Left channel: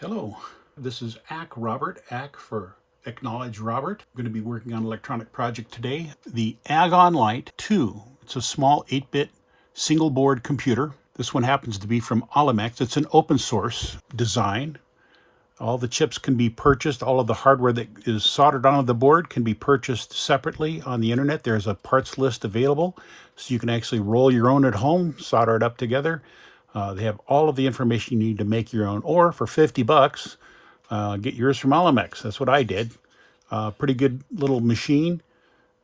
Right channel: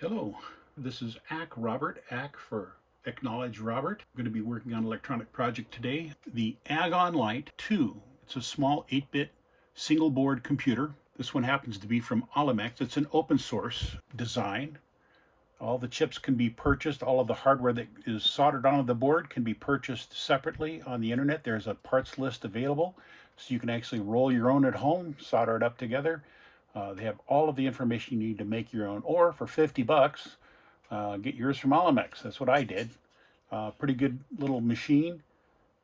Hello, this is Robert, for Acknowledge Robert. I'm going to be working on an electronic project today. The Agon Light 2. It's a small 8-bit single board computer. This one happens to be from Olimex. It's an open source design. All the chips can be purchased. All of the hardware that is soldered onto the board can be purchased separately on the internet. There's a parts list available, so you can actually roll your own at home, solder it up together. They have all of the information you need to make your own, or for 50 bucks, get yours from Olimex. That's what I did. Pretty good little machine,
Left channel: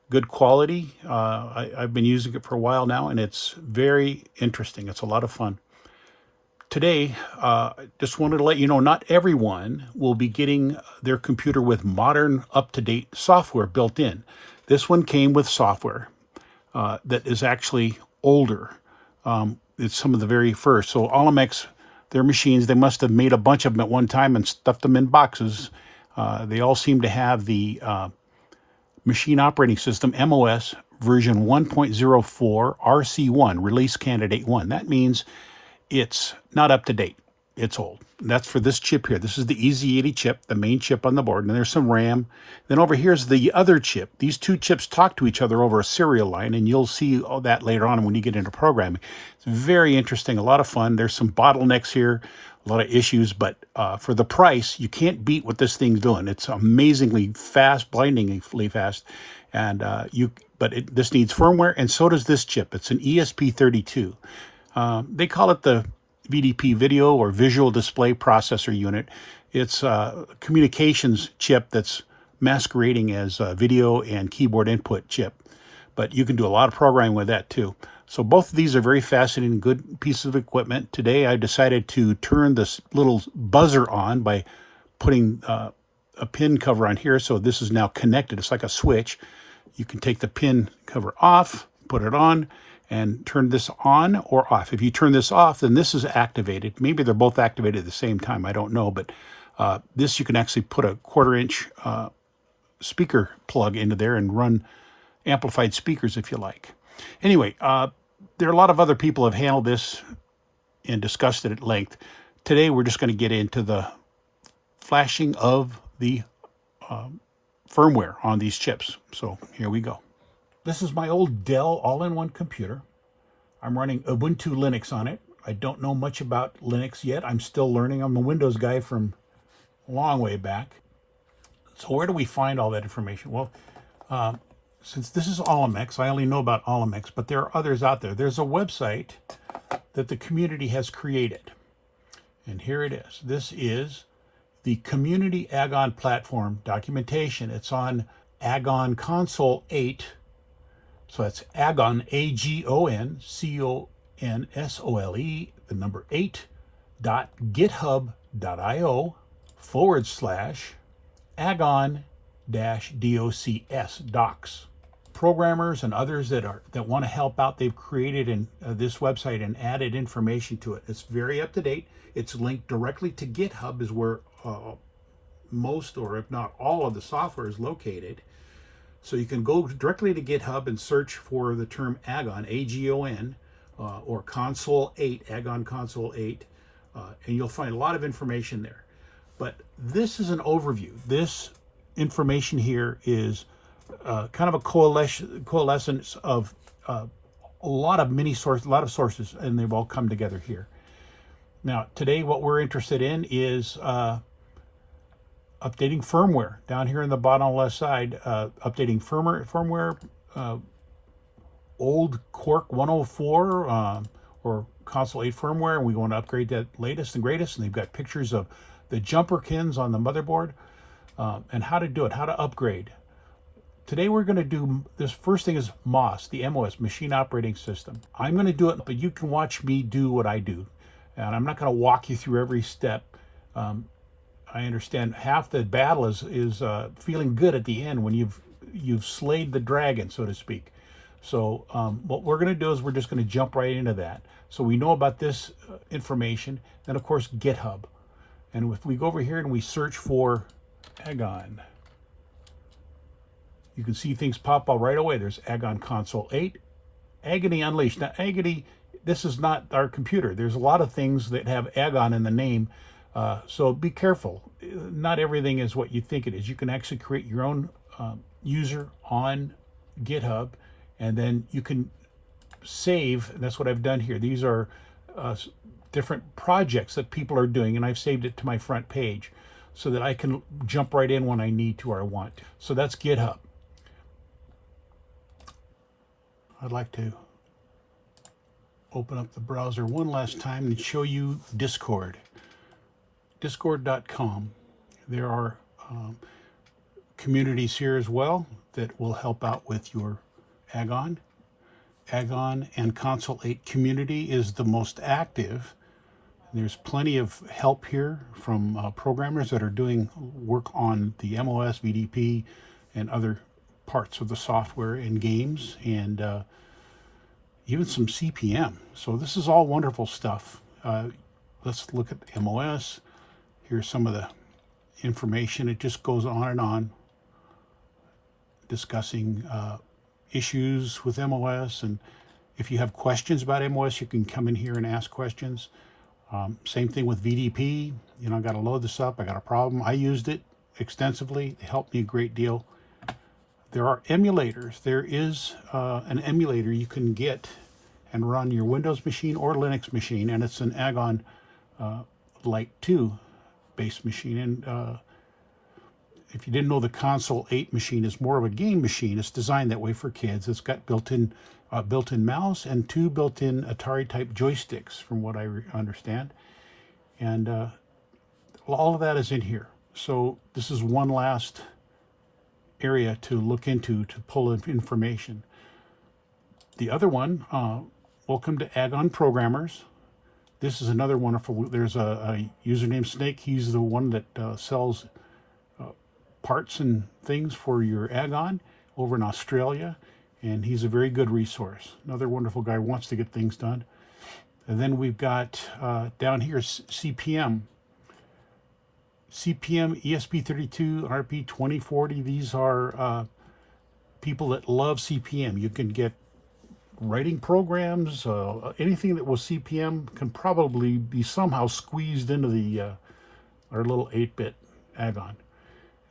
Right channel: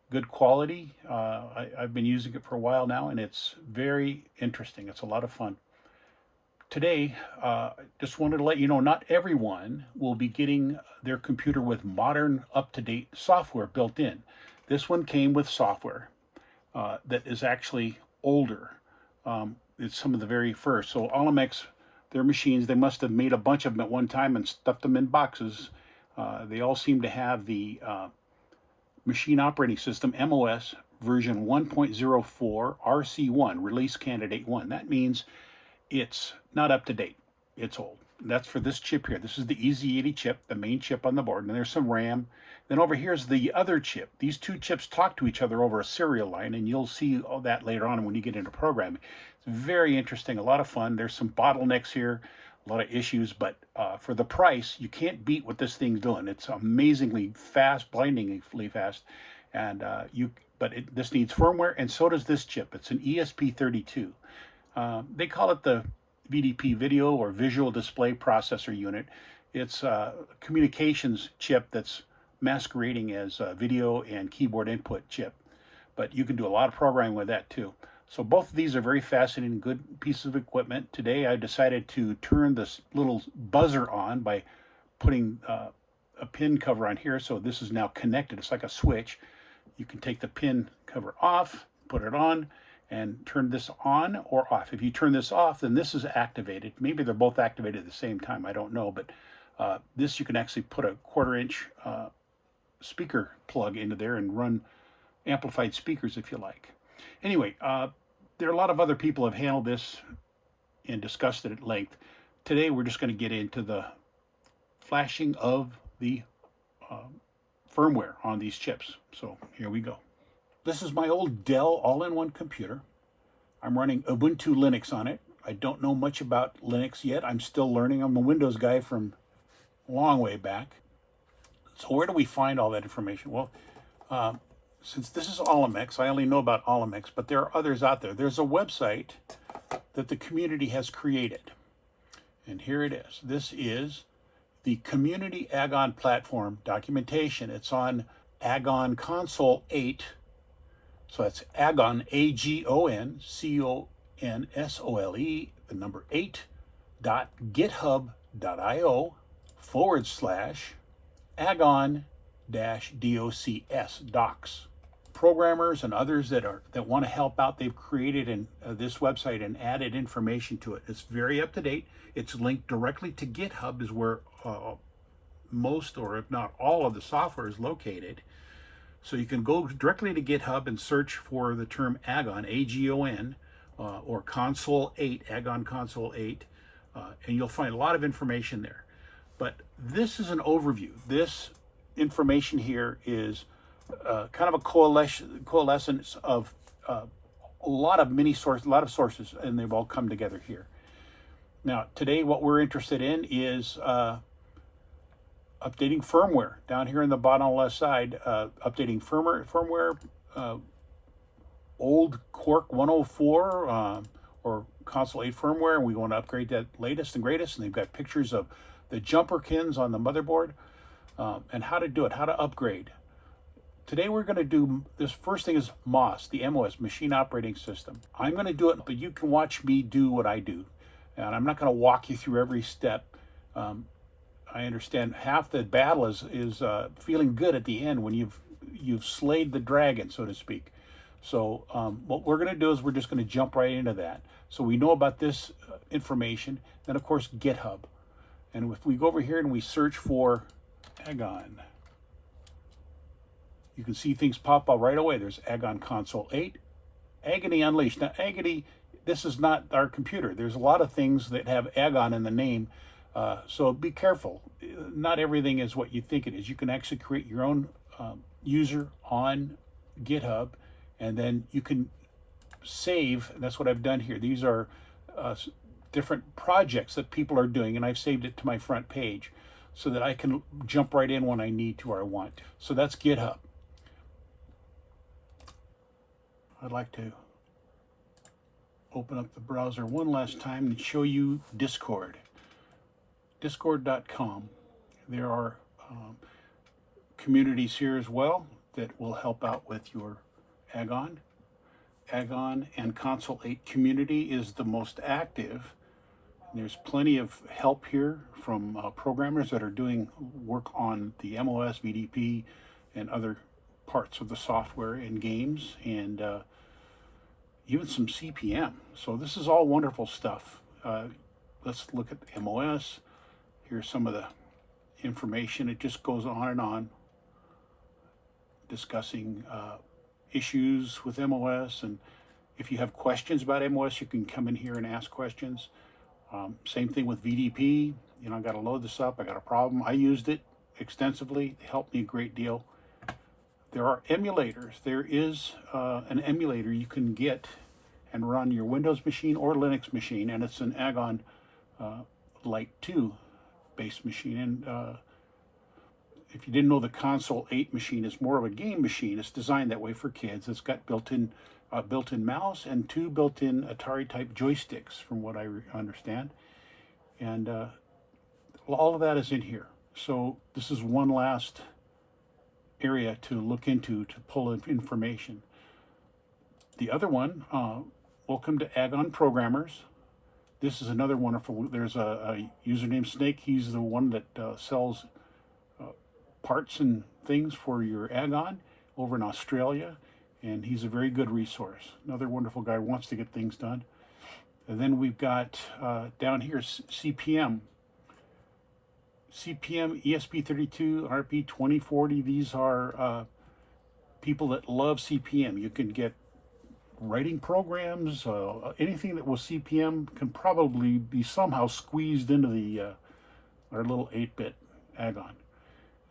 good quality. I've been using it for a while now, and it's very interesting. It's a lot of fun. Today, just wanted to let you know, not everyone will be getting their computer with modern, up-to-date software built in. This one came with software that is actually older. It's some of the very first. So Olimex, their machines, they must have made a bunch of them at one time and stuffed them in boxes. They all seem to have the Machine Operating System, MOS, version 1.04 RC1, Release Candidate 1. That means it's not up to date. It's old. And that's for this chip here. This is the EZ80 chip, the main chip on the board, and there's some RAM. Then over here is the other chip. These two chips talk to each other over a serial line, and you'll see all that later on when you get into programming. It's very interesting, a lot of fun. There's some bottlenecks here, a lot of issues, but for the price, you can't beat what this thing's doing. It's amazingly fast, blindingly fast, and this needs firmware, and so does this chip. It's an ESP32. They call it the VDP, Video or Visual Display Processor Unit. It's a communications chip that's masquerading as a video and keyboard input chip, but you can do a lot of programming with that too. So both of these are very fascinating, good pieces of equipment. Today I decided to turn this little buzzer on by putting a pin cover on here, so this is now connected. It's like a switch. You can take the pin cover off, put it on, and turn this on or off. If you turn this off, then this is activated. Maybe they're both activated at the same time. I don't know, but this you can actually put a 1/4-inch speaker plug into there and run amplified speakers if you like. Anyway, there are a lot of other people have handled this and discussed it at length. Today we're just going to get into the flashing of the firmware on these chips. So here we go. This is my old Dell all-in-one computer. I'm running Ubuntu Linux on it. I don't know much about Linux yet. I'm still learning. I'm a Windows guy from a long way back. So where do we find all that information? Well, since this is Olimex, I only know about Olimex, but there are others out there. There's a website that the community has created. And here it is. This is the Community Agon Platform documentation. It's on Agon Console 8. So that's Agon, AGON, CONSOLE, the number 8.github.io/Agon-DOCS docs. Programmers and others that want to help out, they've created this website and added information to it. It's very up to date. It's linked directly to GitHub, is where most, or if not all, of the software is located. So you can go directly to GitHub and search for the term Agon, AGON, or Console 8, Agon Console 8, and you'll find a lot of information there. But this is an overview. This information here is kind of a coalescence of a lot of sources, and they've all come together here. Now, today what we're interested in is updating firmware. Down here in the bottom left side, updating firmware, old Quark 104 or Console 8 firmware, and we want to upgrade that latest and greatest. And they've got pictures of the jumper pins on the motherboard and how to do it, how to upgrade. Today we're going to do, this first thing is MOS, the MOS, Machine Operating System. I'm going to do it, but you can watch me do what I do. And I'm not going to walk you through every step. I understand half the battle is feeling good at the end when you've slayed the dragon, so to speak. So what we're going to do is we're just going to jump right into that. So we know about this information. Then of course GitHub, and if we go over here and we search for Agon, you can see things pop up right away. There's Agon Console 8, Agony Unleashed. Now Agony, this is not our computer. There's a lot of things that have Agon in the name. So be careful. Not everything is what you think it is. You can actually create your own user on GitHub, and then you can save. And that's what I've done here. These are different projects that people are doing, and I've saved it to my front page so that I can jump right in when I need to or I want. So that's GitHub. I'd like to open up the browser one last time and show you Discord. Discord.com. There are communities here as well that will help out with your Agon. Agon and Console 8 community is the most active. There's plenty of help here from programmers that are doing work on the MOS VDP and other parts of the software and games, and even some CPM. So this is all wonderful stuff. Let's look at MOS. Here's some of the information. It just goes on and on, discussing issues with MOS, and if you have questions about MOS, you can come in here and ask questions. Same thing with VDP. You know, I got to load this up. I got a problem. I used it extensively. It helped me a great deal. There are emulators. There is an emulator you can get and run your Windows machine or Linux machine, and it's an Agon Light 2 based machine. And if you didn't know, the Console 8 machine is more of a game machine. It's designed that way for kids. It's got built-in mouse and 2 built-in Atari type joysticks, from what I understand, and all of that is in here. So this is one last area to look into to pull in information. The other one, welcome to Agon Programmers. This is another wonderful. There's a user named Snake. He's the one that sells parts and things for your Agon over in Australia, and he's a very good resource. Another wonderful guy, wants to get things done. And then we've got down here CPM, ESP32, RP2040. These are people that love CPM. You can get writing programs, anything that was CPM can probably be somehow squeezed into the our little 8-bit Agon.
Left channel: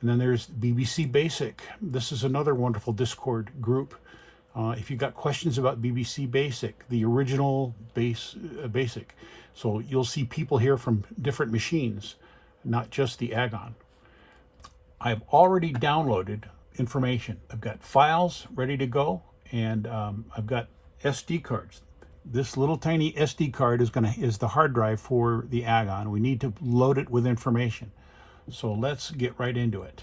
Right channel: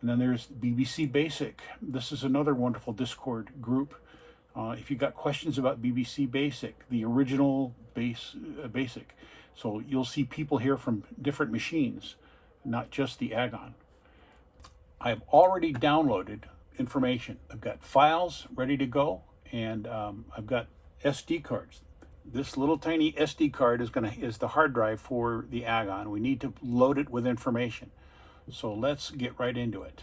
And then there's BBC Basic. This is another wonderful Discord group. If you got questions about BBC Basic, the original Basic, so you'll see people here from different machines, not just the Agon. I've already downloaded information. I've got files ready to go, and I've got SD cards. This little tiny SD card is the hard drive for the Agon. We need to load it with information. So let's get right into it.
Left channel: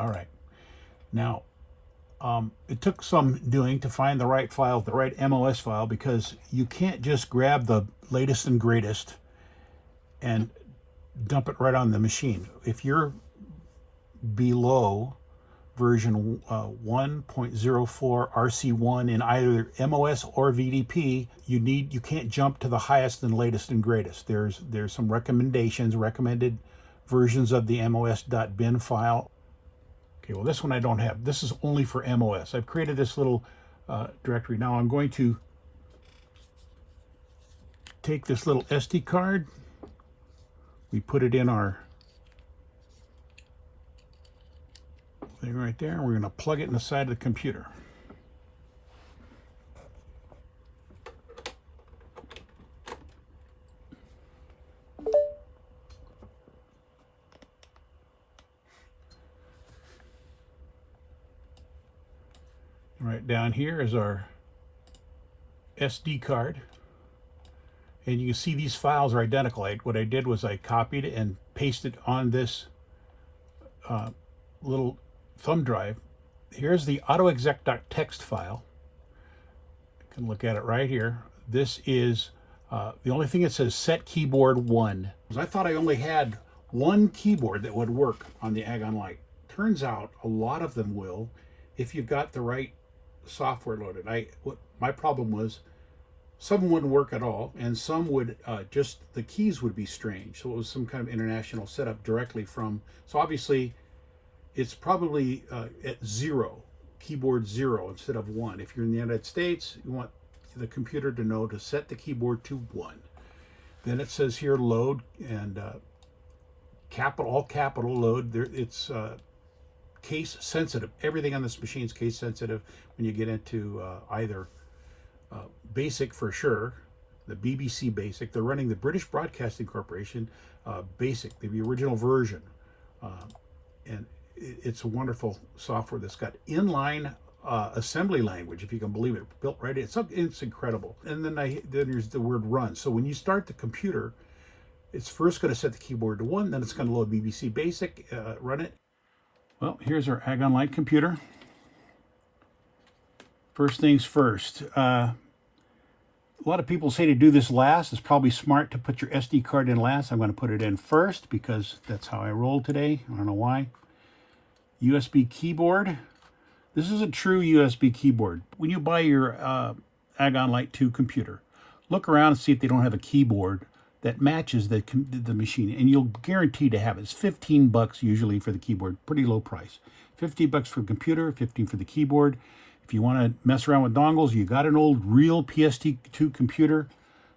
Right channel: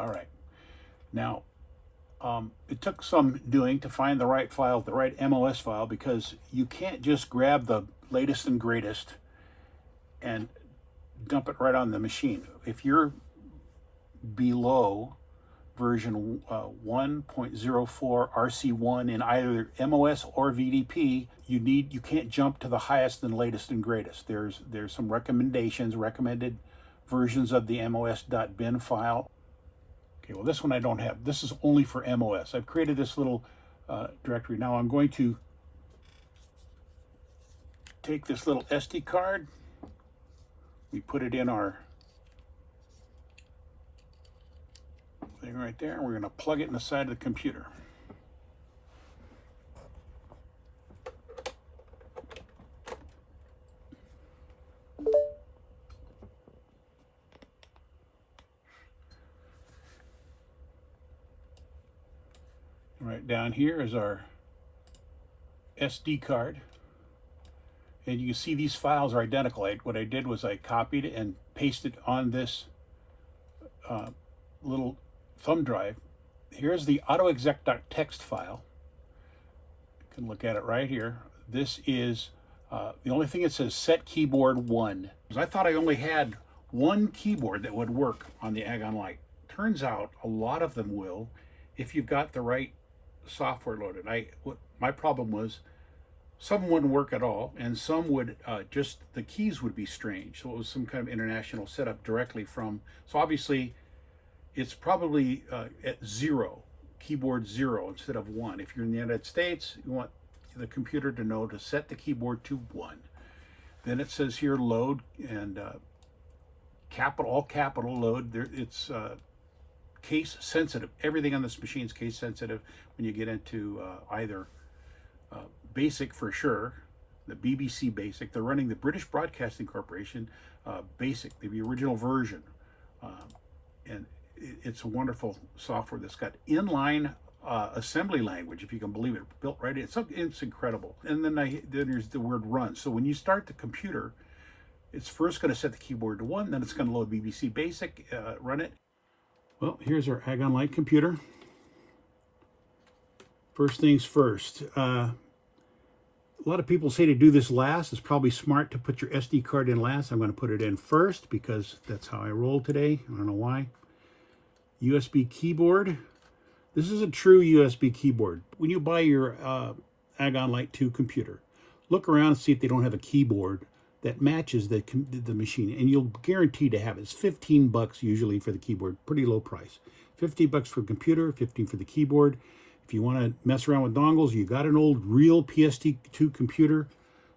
All right. Now, it took some doing to find the right file, the right MOS file, because you can't just grab the latest and greatest and dump it right on the machine. If you're below version 1.04 RC1 in either MOS or VDP, you can't jump to the highest and latest and greatest. There's some recommended versions of the mos.bin file. Okay, well, this one I don't have. This is only for MOS. I've created this little directory. Now I'm going to take this little SD card. We put it in our thing right there. We're going to plug it in the side of the computer. Right down here is our SD card. And you can see these files are identical. What I did was I copied it and pasted on this little thumb drive. Here's the autoexec.txt file. You can look at it right here. This is the only thing that says set keyboard 1. I thought I only had one keyboard that would work on the Agon Light. Turns out a lot of them will if you've got the right software loaded. My problem was some wouldn't work at all, and some would just the keys would be strange. So it was some kind of international setup directly from. So obviously, it's probably at 0 keyboard 0 instead of 1. If you're in the United States, you want the computer to know to set the keyboard to 1. Then it says here load, and all capital load. It's case sensitive. Everything on this machine is case sensitive when you get into either basic for sure, the BBC basic. They're running the British Broadcasting Corporation basic, the original version. And it's a wonderful software that's got inline assembly language, if you can believe it, built right in. It's incredible. And then there's the word run. So when you start the computer, it's first going to set the keyboard to 1, then it's going to load BBC Basic, run it. Well, here's our Agon Light computer. First things first. A lot of people say to do this last. It's probably smart to put your SD card in last. I'm going to put it in first because that's how I roll today. I don't know why. USB keyboard. This is a true USB keyboard. When you buy your Agon Light 2 computer, look around and see if they don't have a keyboard that matches the machine, and you'll guarantee to have it. It's $15 usually for the keyboard, pretty low price. $50 for the computer, $15 for the keyboard. If you want to mess around with dongles, you got an old real PST2 computer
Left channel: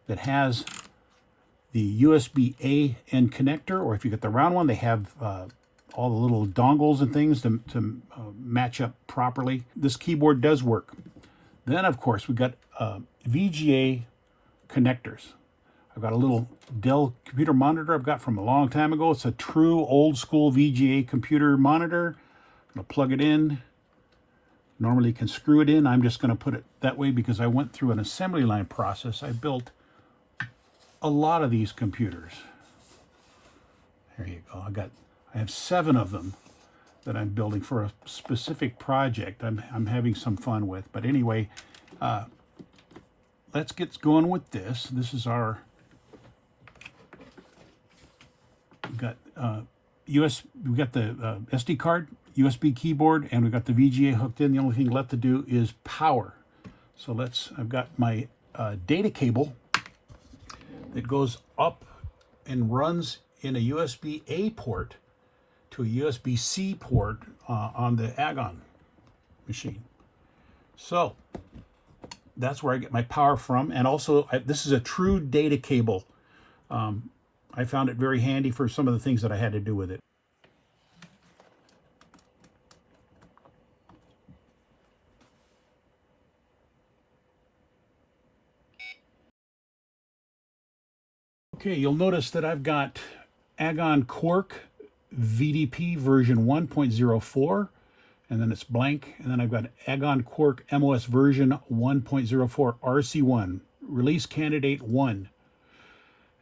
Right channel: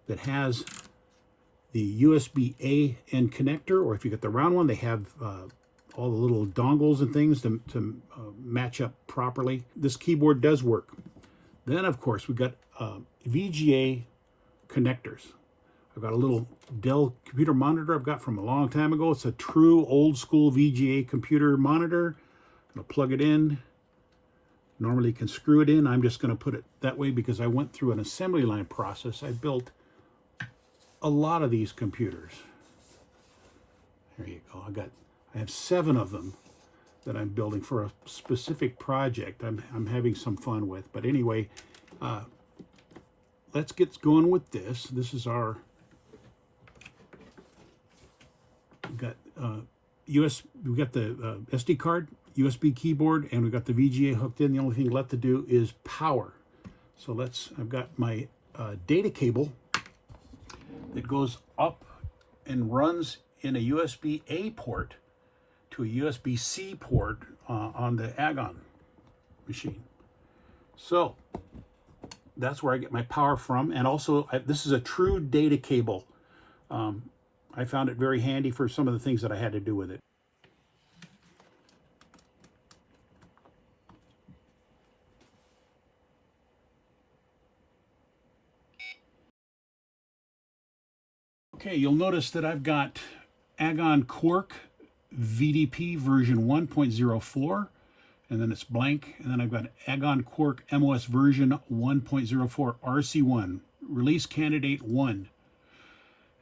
that has the USB-A end connector, or if you get the round one, they have all the little dongles and things to match up properly. This keyboard does work. Then, of course, we've got VGA connectors. I've got a little Dell computer monitor I've got from a long time ago. It's a true old school VGA computer monitor. I'm going to plug it in. Normally you can screw it in. I'm just going to put it that way because I went through an assembly line process. I built a lot of these computers. There you go. I have 7 of them that I'm building for a specific project I'm having some fun with. But anyway, let's get going with this. This is our we've got the SD card, USB keyboard, and we've got the VGA hooked in. The only thing left to do is power. So I've got my data cable that goes up and runs in a USB-A port to a USB-C port on the Agon machine. So that's where I get my power from. And also, this is a true data cable. I found it very handy for some of the things that I had to do with it. Okay, you'll notice that I've got Agon Quark VDP version 1.04, and then it's blank, and then I've got Agon Quark MOS version 1.04 RC1, release candidate 1.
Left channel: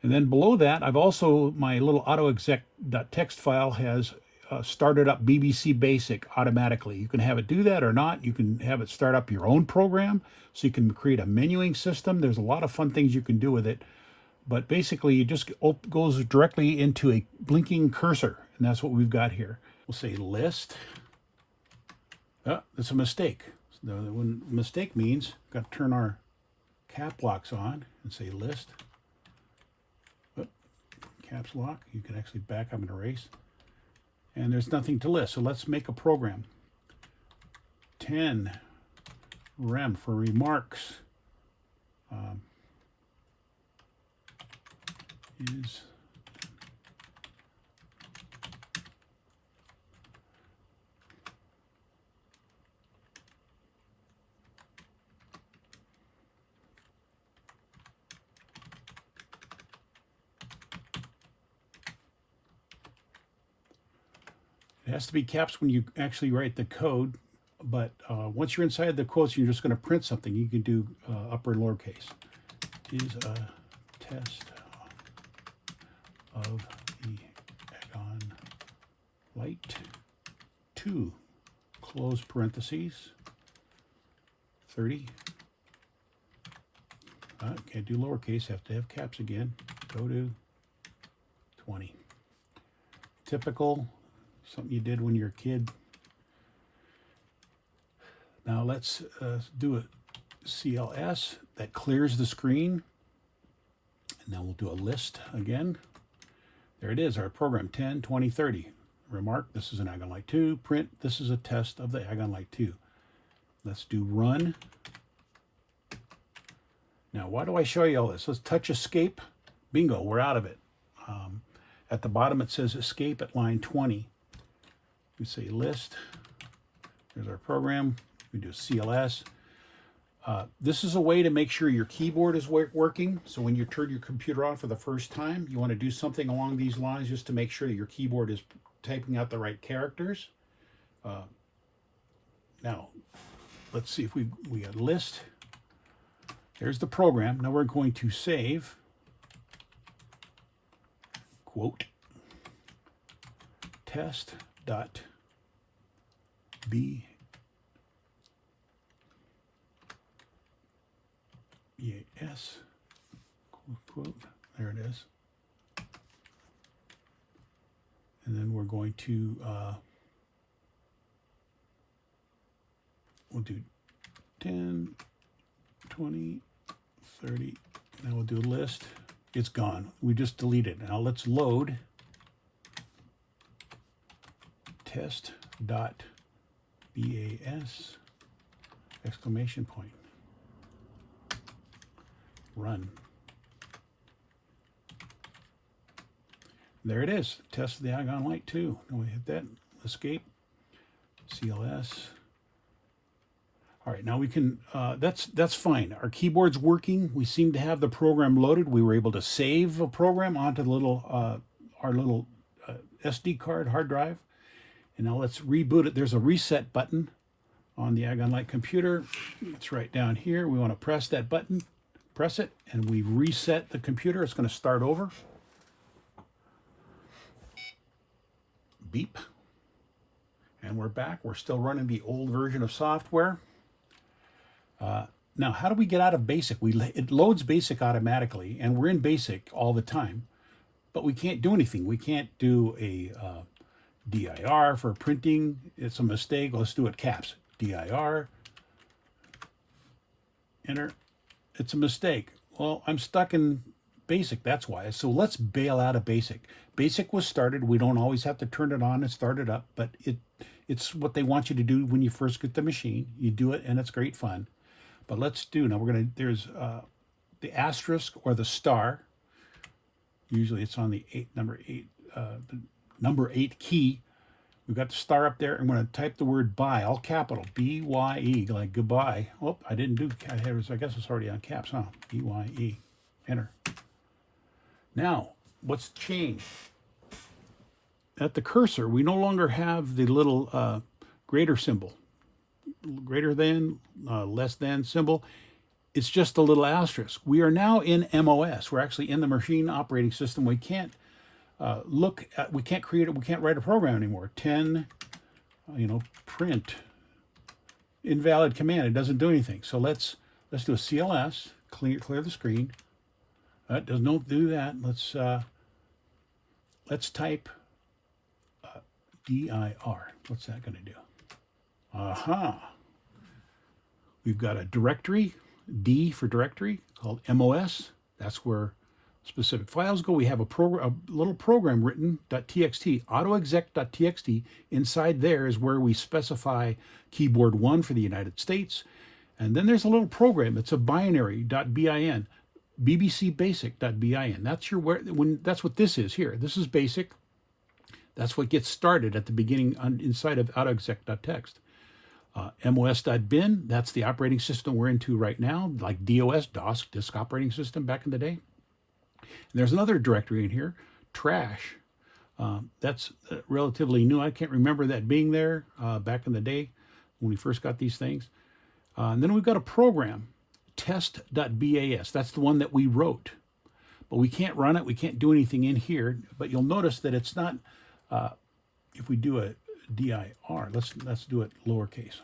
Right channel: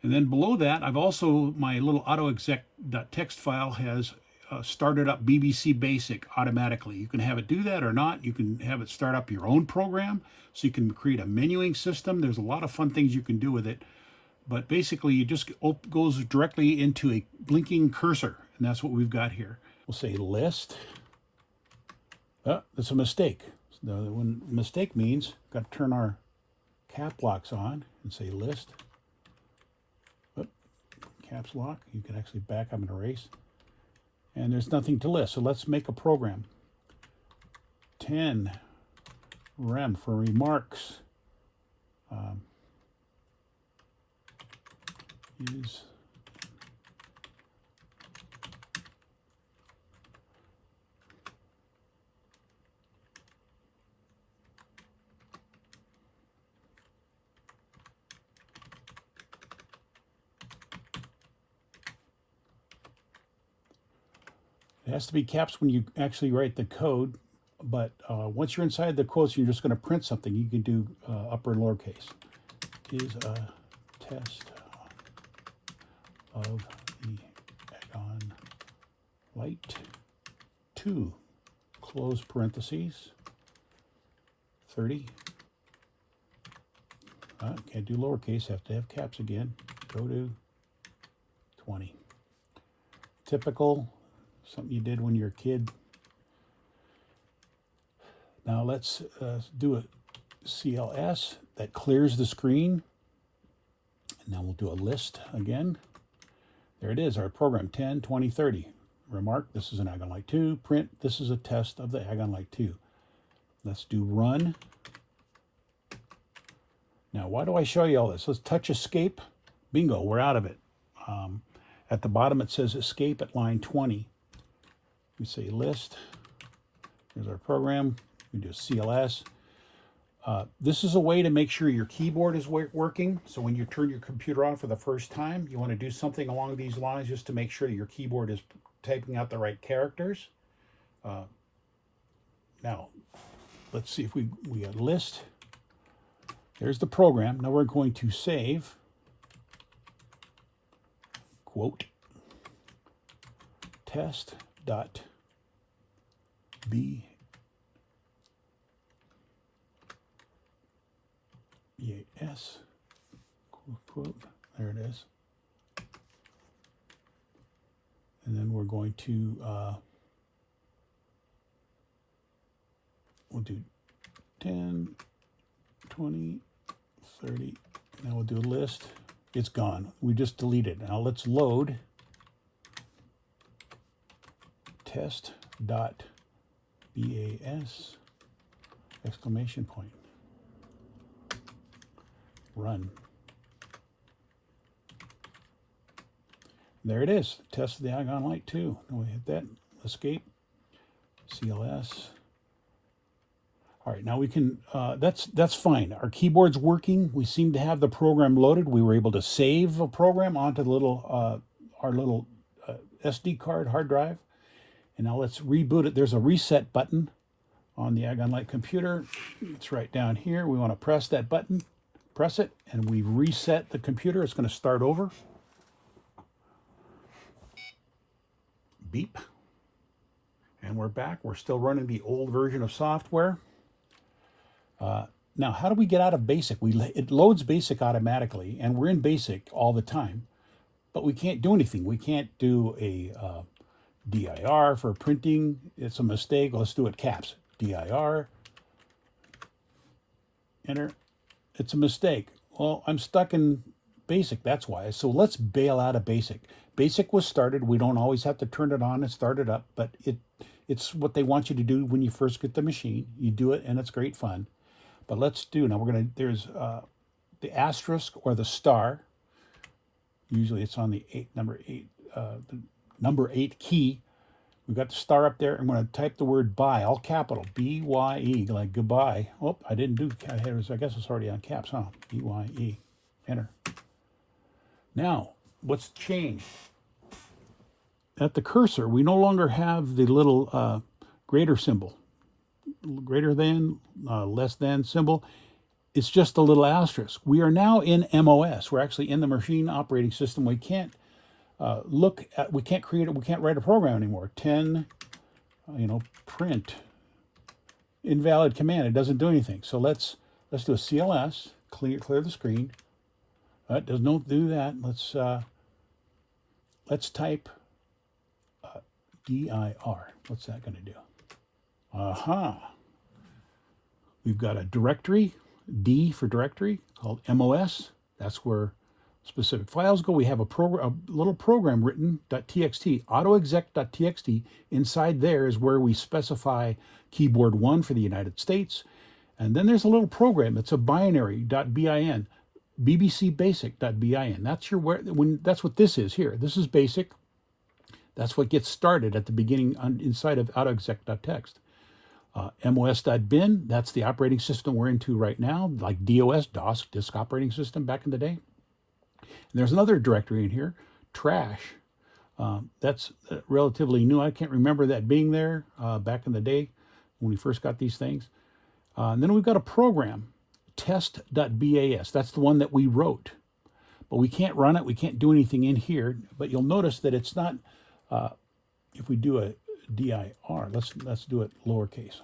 And then below that, I've also, my little autoexec.txt file has started up BBC Basic automatically. You can have it do that or not. You can have it start up your own program, so you can create a menuing system. There's a lot of fun things you can do with it. But basically, it just goes directly into a blinking cursor, and that's what we've got here. We'll say list. Oh, that's a mistake. So when mistake means, got to turn our cap locks on and say list. Caps lock. You can actually back up and erase. And there's nothing to list. So let's make a program. 10 rem for remarks is it has to be caps when you actually write the code, but once you're inside the quotes, you're just going to print something. You can do upper and lowercase. Is a test of the Agon Light 2, close parentheses, 30. Can't do lowercase, have to have caps again. Go to 20. Typical. Something you did when you were a kid. Now let's do a CLS that clears the screen. And now we'll do a list again. There it is, our program, 10, 20, 30. Remark, this is an Agon Light 2. Print, this is a test of the Agon Light 2. Let's do run. Now, why do I show you all this? Let's touch escape. Bingo, we're out of it. At the bottom, it says escape at line 20. We say list. There's our program. We do CLS. This is a way to make sure your keyboard is working. So when you turn your computer on for the first time, you want to do something along these lines just to make sure that your keyboard is typing out the right characters. Now, let's see if we got list. There's the program. Now we're going to save, quote, test.bas, quote, there it is. And then we're going to, we'll do 10, 20, 30, now we'll do a list. It's gone. We just deleted it. Now let's load test.bas, exclamation point. Run. There it is. Test the Agon Light 2. And we hit that. Escape. CLS. All right, now we can, that's fine. Our keyboard's working. We seem to have the program loaded. We were able to save a program onto the little, our little SD card hard drive. And now let's reboot it. There's a reset button on the Agon Light computer. It's right down here. We want to press that button, press it, and we've reset the computer. It's going to start over. Beep. And we're back. We're still running the old version of software. Now, how do we get out of BASIC? It loads BASIC automatically, and we're in BASIC all the time, but we can't do anything. We can't do a DIR for printing. It's a mistake. Let's do it caps. DIR. Enter. It's a mistake. Well, I'm stuck in BASIC, that's why. So let's bail out of BASIC. BASIC was started. We don't always have to turn it on and start it up, but it's what they want you to do when you first get the machine. You do it, and it's great fun. But let's do, now we're going to, there's the asterisk or the star. Usually it's on the number 8 key. We've got the star up there. I'm going to type the word buy, all capital, B-Y-E, like goodbye. Oh, I didn't do, I guess it's already on caps, huh? B-Y-E, enter. Now, what's changed? At the cursor, we no longer have the little greater symbol. Greater than, less than symbol. It's just a little asterisk. We are now in MOS. We're actually in the machine operating system. We can't we can't create it. We can't write a program anymore. 10, print, invalid command. It doesn't do anything. So let's do a CLS. Clear the screen. That does not do that. Let's type DIR. What's that going to do? Aha. We've got a directory, D for directory, called MOS. That's where specific files go. We have a little program written, .txt, autoexec.txt. Inside there is where we specify keyboard 1 for the United States. And then there's a little program. It's a binary, .bin, bbcbasic.bin. That's what this is here. This is basic. That's what gets started at the beginning inside of autoexec.txt. MOS.bin, that's the operating system we're into right now, like DOS, disk operating system back in the day. And there's another directory in here, trash. That's relatively new. I can't remember that being there back in the day when we first got these things. And then we've got a program, test.bas. That's the one that we wrote. But we can't run it. We can't do anything in here. But you'll notice that it's not, if we do a DIR, let's do it lowercase.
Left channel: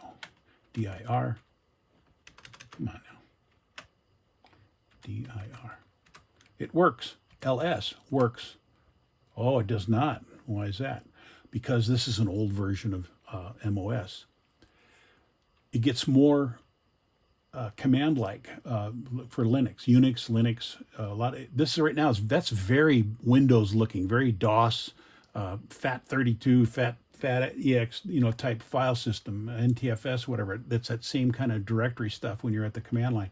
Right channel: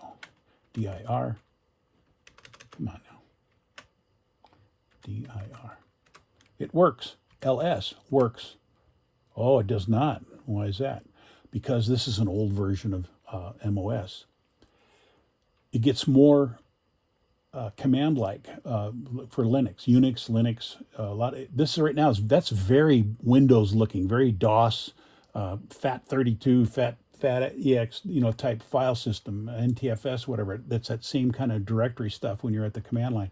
DIR. Come on now. DIR. It works. LS works. Oh, it does not. Why is that? Because this is an old version of MOS. It gets more command-like for Linux, Unix, Linux. This right now that's very Windows looking, very DOS, FAT32, FAT FAT-EX, type file system, NTFS, whatever. That's that same kind of directory stuff when you're at the command line.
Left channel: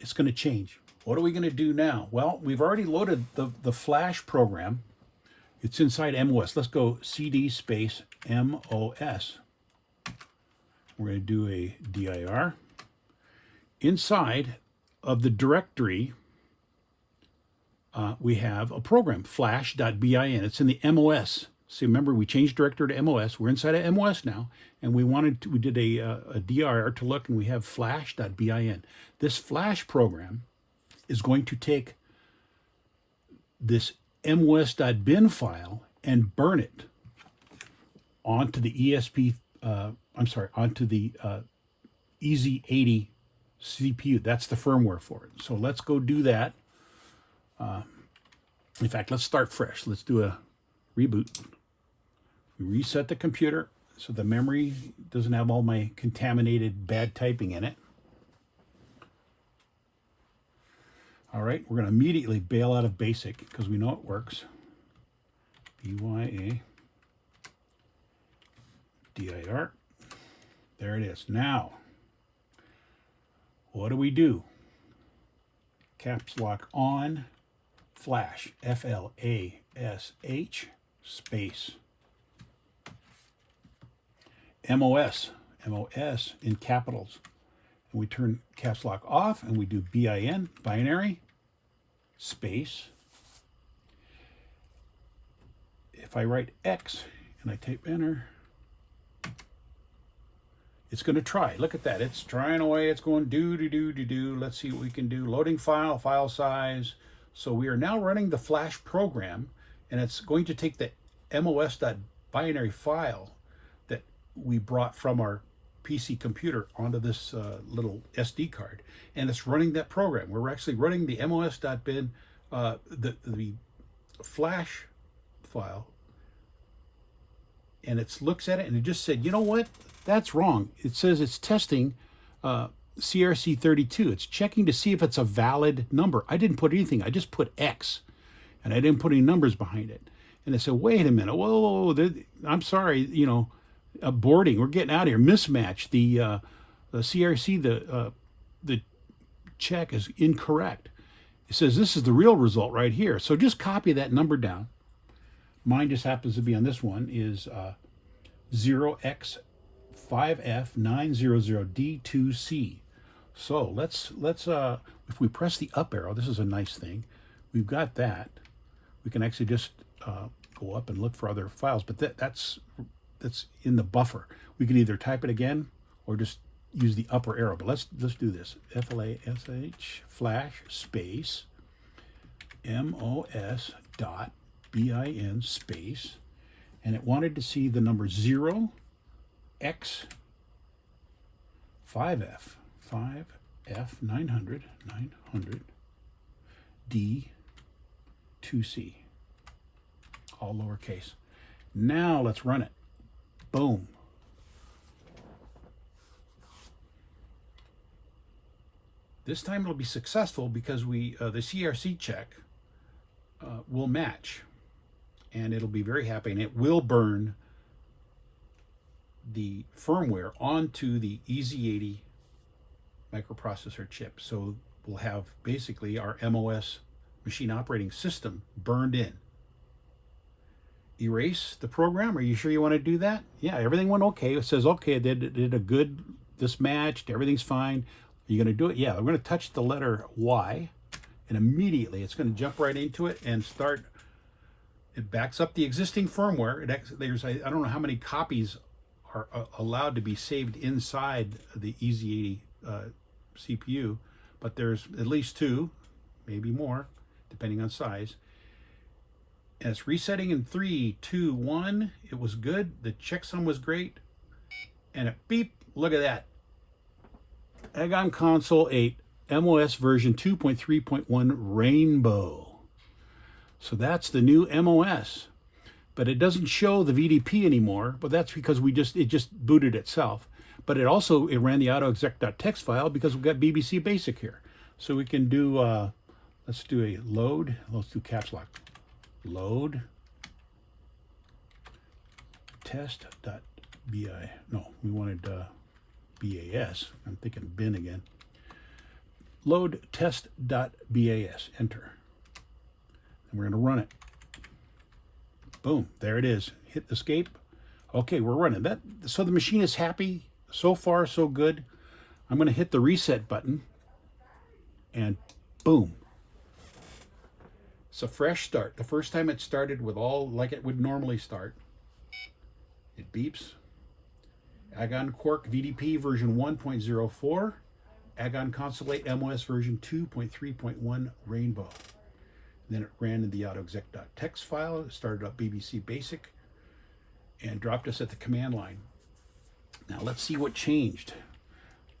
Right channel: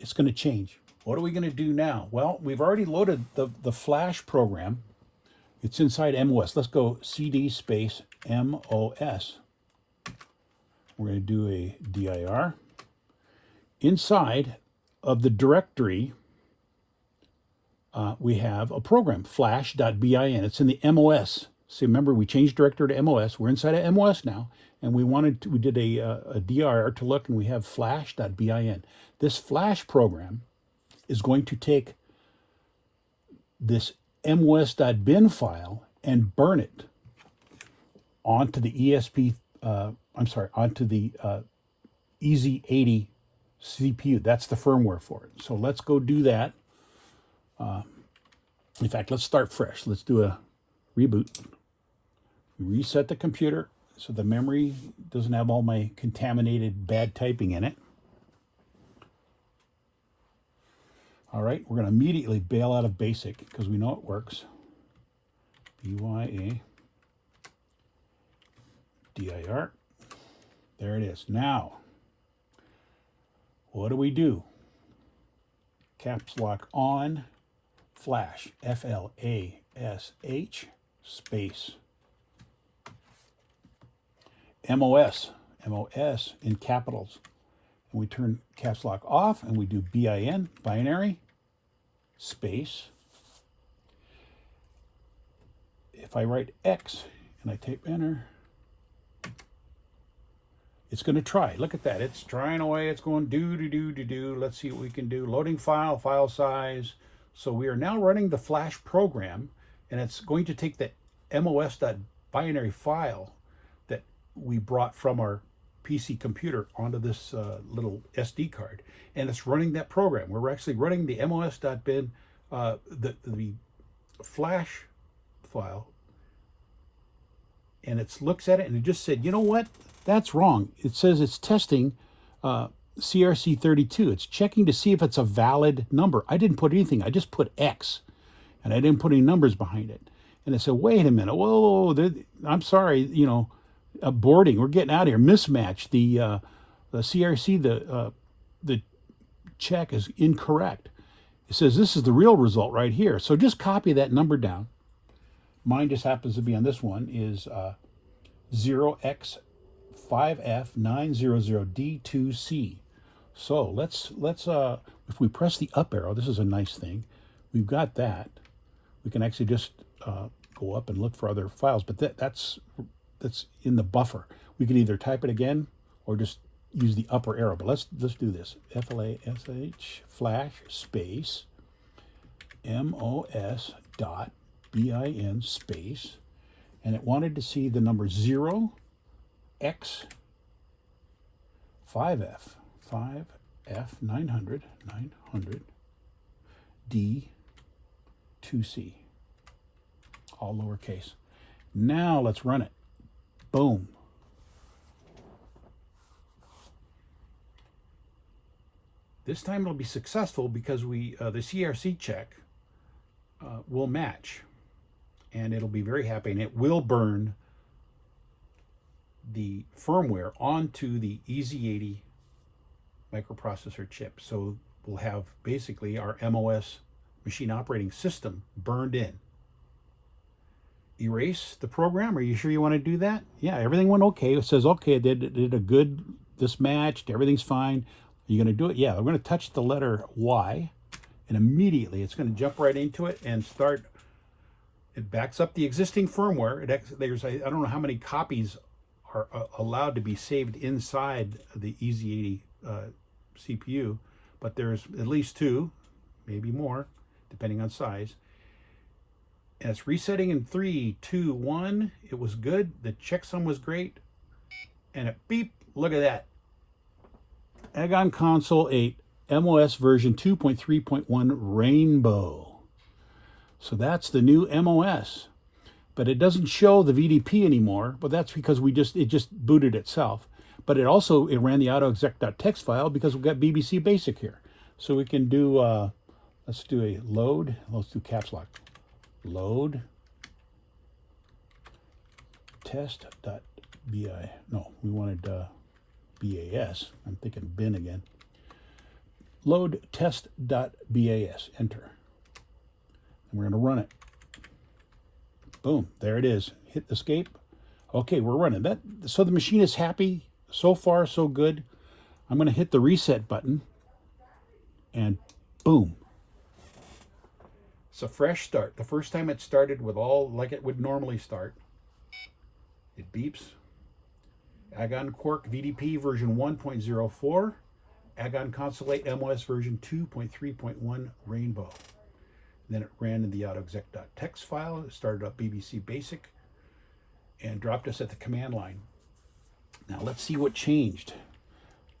It's going to change. What are we going to do now? Well, we've already loaded the Flash program. It's inside MOS. Let's go CD space MOS. We're going to do a dir. Inside of the directory, we have a program, flash.bin. It's in the MOS. So remember, we changed directory to MOS. We're inside of MOS now, and we did a dir to look, and we have flash.bin. This Flash program is going to take this mos.bin file and burn it onto the onto the EZ80 CPU. That's the firmware for it. So let's go do that. In fact, let's start fresh. Let's do a reboot. Reset the computer so the memory doesn't have all my contaminated bad typing in it. All right, we're going to immediately bail out of BASIC because we know it works. BYA dir. There it is. Now, what do? Caps lock on Flash, FLASH space MOS in capitals. And we turn caps lock off and we do BIN, binary, space. If I write X and I type enter, it's going to try. Look at that. It's trying away. It's going do. Let's see what we can do. Loading file size. So we are now running the Flash program, and it's going to take the mos.binary file that we brought from our PC computer onto this little SD card, and it's running that program. We're actually running the mos.bin, the Flash file, and it looks at it and it just said, you know what? That's wrong. It says it's testing CRC32. It's checking to see if it's a valid number. I didn't put anything. I just put X, and I didn't put any numbers behind it. And I said, wait a minute. Whoa, I'm sorry, boarding. We're getting out of here. Mismatch. The CRC, the check is incorrect. It says this is the real result right here. So just copy that number down. Mine just happens to be on this one is 0x5F900D2C. So let's if we press the up arrow, this is a nice thing. We've got that. We can actually just go up and look for other files, but that's in the buffer. We can either type it again or just use the upper arrow. But let's do this. FLASH flash space MOS dot bin space, and it wanted to see the number 0x5F 900 D2C, all lowercase. Now let's run it. Boom. This time it'll be successful because the CRC check will match, and it'll be very happy, and it will burn the firmware onto the EZ80 microprocessor chip. So we'll have basically our MOS machine operating system burned in. Erase the program. Are you sure you want to do that? Yeah, everything went okay. It says, okay, it did a good, this matched, everything's fine. Are you going to do it? Yeah, I'm going to touch the letter Y, and immediately it's going to jump right into it and start. It backs up the existing firmware. There's I don't know how many copies are allowed to be saved inside the EZ80 CPU, but there's at least 2, maybe more, depending on size. And it's resetting in 3, 2, 1. It was good. The checksum was great. And it beep. Look at that. Agon Console 8 MOS version 2.3.1 Rainbow. So that's the new MOS. But it doesn't show the VDP anymore, but that's because it just booted itself. But it ran the autoexec.txt file because we've got BBC Basic here. So we can do, let's do a load. Let's do caps lock. Load test.bi. No, we wanted BAS. I'm thinking bin again. Load test.bas. Enter. And we're going to run it. Boom, there it is. Hit escape. Okay, we're running that. So the machine is happy. So far, so good. I'm going to hit the reset button, and boom. It's a fresh start. The first time it started with all like it would normally start. It beeps. Agon Quark VDP version 1.04. Agon Console 8 MOS version 2.3.1 Rainbow. Then it ran in the autoexec.txt file. It started up BBC Basic and dropped us at the command line. Now let's see what changed.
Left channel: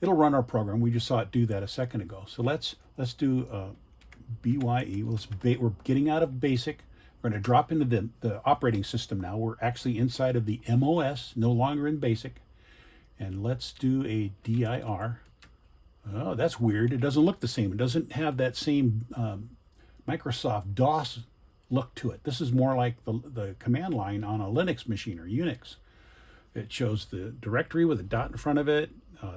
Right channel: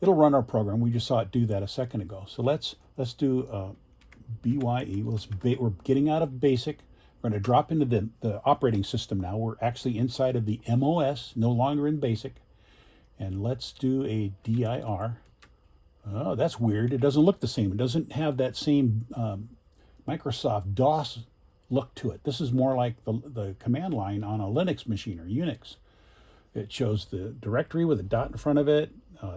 It'll run our program. We just saw it do that a second ago. So let's do BYE. We're getting out of Basic. We're going to drop into the operating system now. We're actually inside of the MOS, no longer in Basic. And let's do a DIR. Oh, that's weird. It doesn't look the same. It doesn't have that same Microsoft DOS look to it. This is more like the command line on a Linux machine or Unix. It shows the directory with a dot in front of it,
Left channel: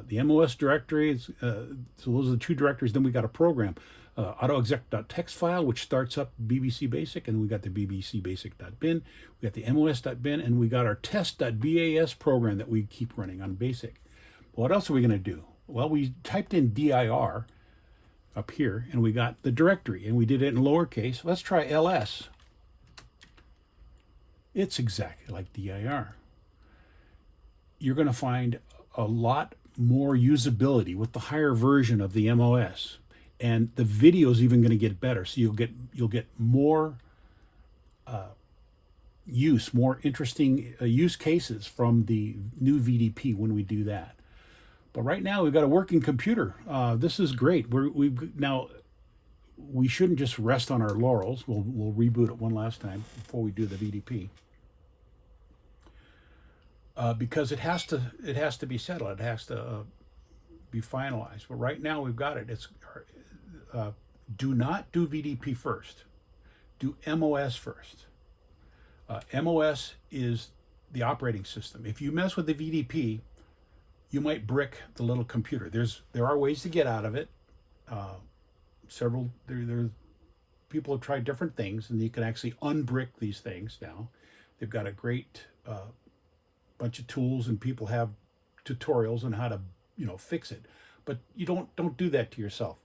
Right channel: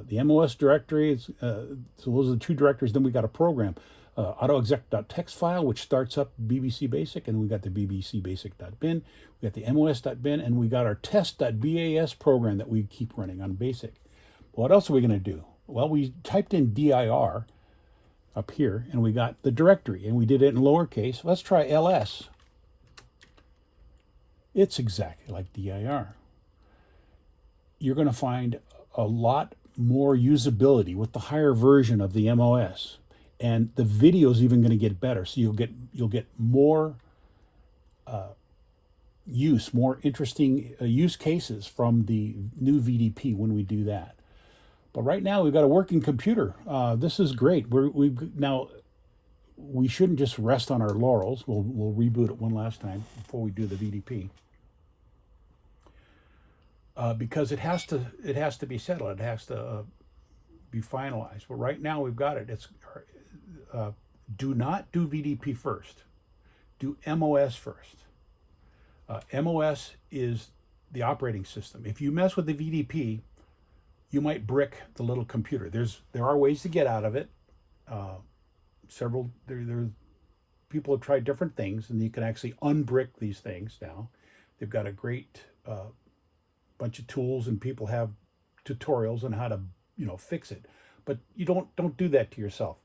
the MOS directory. So those are the two directories. Then we got a program, autoexec.txt file, which starts up BBC Basic, and we got the BBC Basic.bin. We got the MOS.bin, and we got our test.bas program that we keep running on Basic. What else are we going to do? Well, we typed in dir up here, and we got the directory, and we did it in lowercase. Let's try ls. It's exactly like dir. You're going to find a lot more usability with the higher version of the MOS, and the video is even going to get better. So you'll get more more interesting use cases from the new VDP when we do that. But right now we've got a working computer. This is great. We shouldn't just rest on our laurels. We'll reboot it one last time before we do the VDP. Because it has to be settled. It has to be finalized. But right now we've got it. It's do not do VDP first. Do MOS first. MOS is the operating system. If you mess with the VDP, you might brick the little computer. There are ways to get out of it. People have tried different things, and you can actually unbrick these things now. They've got a great bunch of tools, and people have tutorials on how to fix it. But you don't do that to yourself.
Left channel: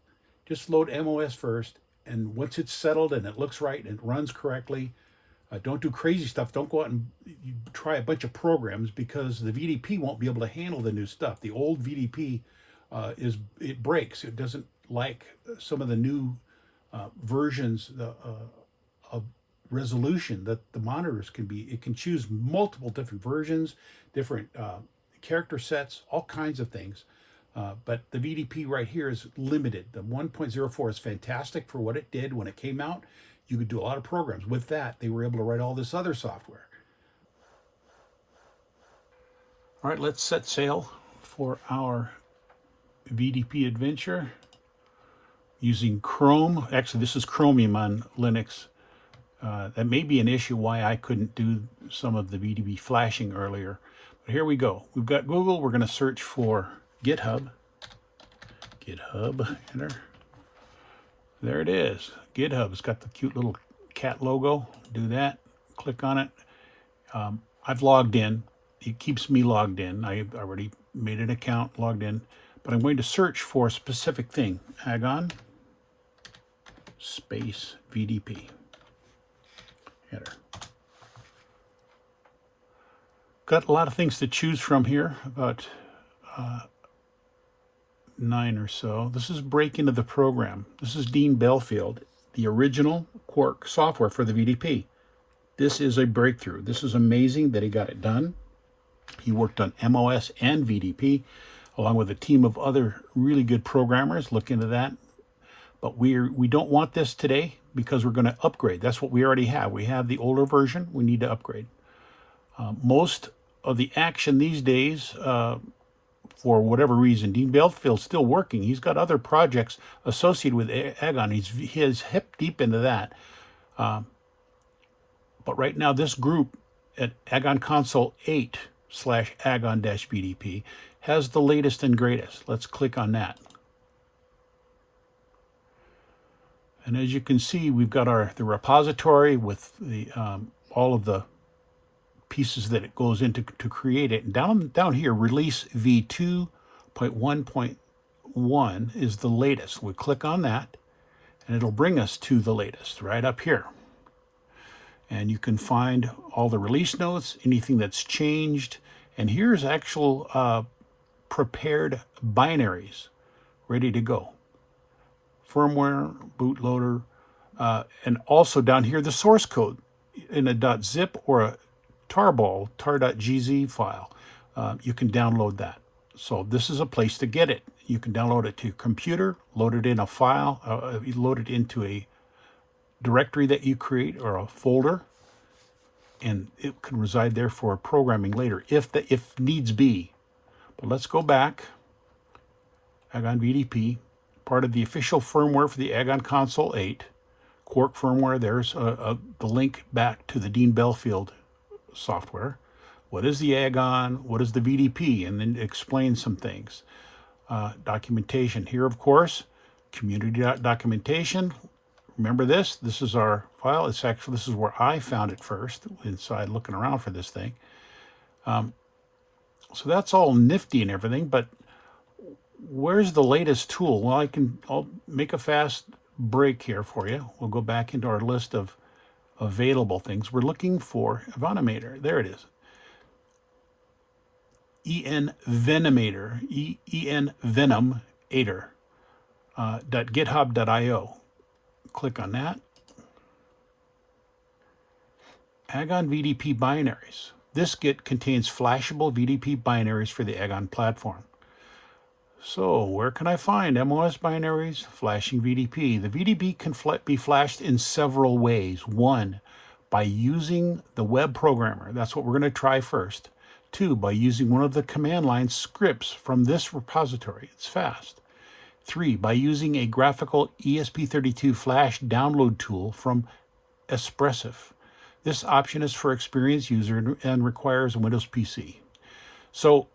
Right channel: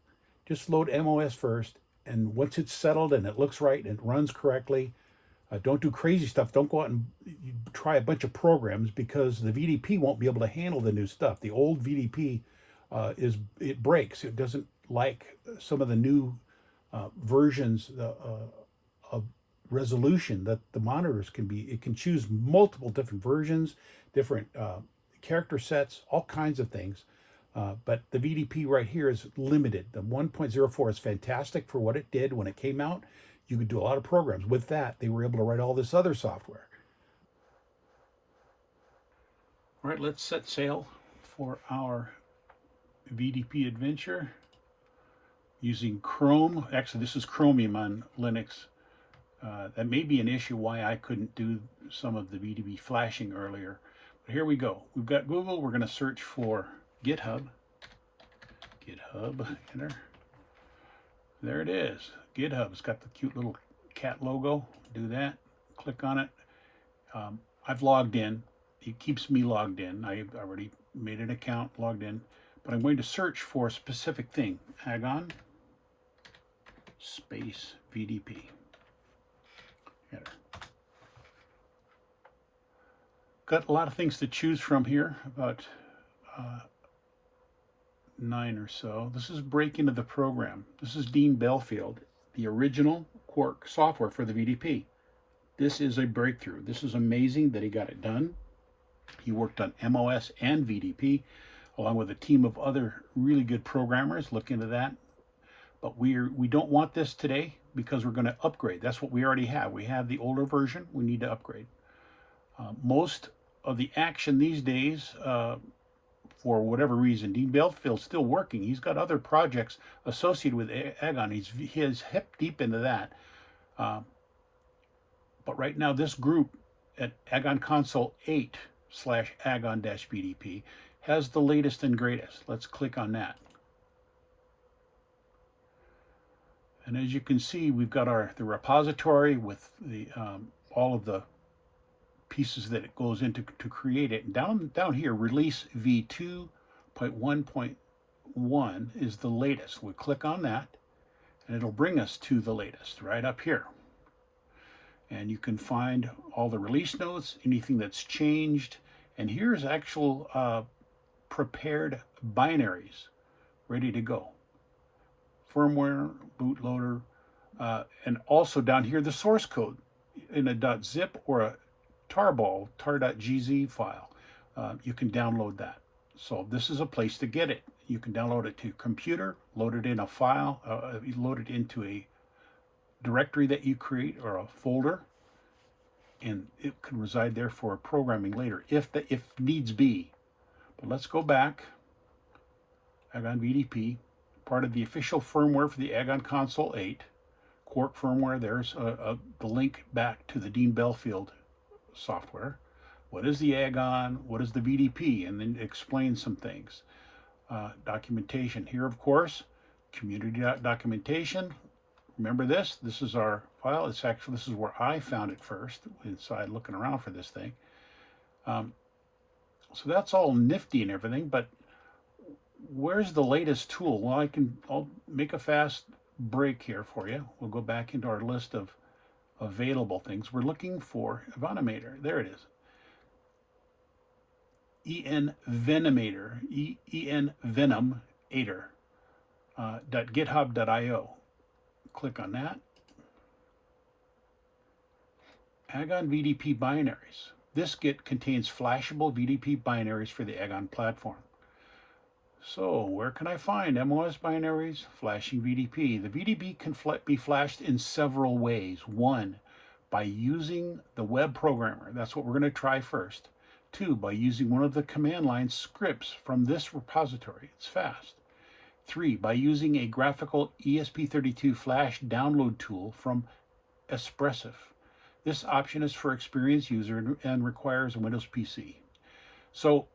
Just load MOS first, and once it's settled and it looks right and it runs correctly, don't do crazy stuff. Don't go out and try a bunch of programs, because the VDP won't be able to handle the new stuff. The old VDP it breaks. It doesn't like some of the new versions of resolution that the monitors can be. It can choose multiple different versions, different character sets, all kinds of things. But the VDP right here is limited. The 1.04 is fantastic for what it did when it came out. You could do a lot of programs. With that, they were able to write all this other software. All right, let's set sail for our VDP adventure using Chrome. Actually, this is Chromium on Linux. That may be an issue why I couldn't do some of the VDP flashing earlier. But here we go. We've got Google. We're going to search for GitHub. GitHub, enter. There it is. GitHub. It's got the cute little cat logo. Do that. Click on it. I've logged in. It keeps me logged in. I already made an account, logged in. But I'm going to search for a specific thing. Agon space VDP. Enter. Got a lot of things to choose from here. About 9 or so. This is break into the program. This is Dean Belfield, the original Quark software for the VDP. This is a breakthrough. This is amazing that he got it done. He worked on MOS and VDP along with a team of other really good programmers. Look into that. But we don't want this today because we're going to upgrade. That's what we already have. We have the older version. We need to upgrade. Most of the action these days, for whatever reason, Dean Belfield's still working. He's got other projects associated with Agon. He's hip deep into that. But right now, this group at Agon Console 8/Agon-VDP has the latest and greatest. Let's click on that. And as you can see, we've got the repository with the all of the pieces that it goes into to create it. And down here, release v2.1.1 is the latest. We'll click on that, and it'll bring us to the latest right up here. And you can find all the release notes, anything that's changed. And here's actual prepared binaries ready to go. Firmware, bootloader, and also down here the source code in a .zip or a tarball, tar.gz file. You can download that. So this is a place to get it. You can download it to your computer, load it in a file, load it into a directory that you create or a folder, and it can reside there for programming later if needs be. But let's go back. Agon VDP, part of the official firmware for the Agon Console 8, Quark firmware. There's the link back to the Dean Belfield software. What is the Agon? What is the VDP? And then explain some things. Documentation here, of course, community documentation. Remember this? This is our file. It's actually, this is where I found it first, inside looking around for this thing. So that's all nifty and everything, but where's the latest tool? Well, I'll make a fast break here for you. We'll go back into our list of available things. We're looking for Venomator. There it is. Venomator, Venomator, .github.io. Click on that. Agon VDP binaries. This Git contains flashable VDP binaries for the Agon platform. So where can I find MOS binaries, flashing VDP? The VDP can be flashed in several ways. 1, by using the web programmer. That's what we're going to try first. 2, by using one of the command line scripts from this repository. It's fast. 3, by using a graphical ESP32 flash download tool from Espressif. This option is for experienced user and requires a Windows PC. So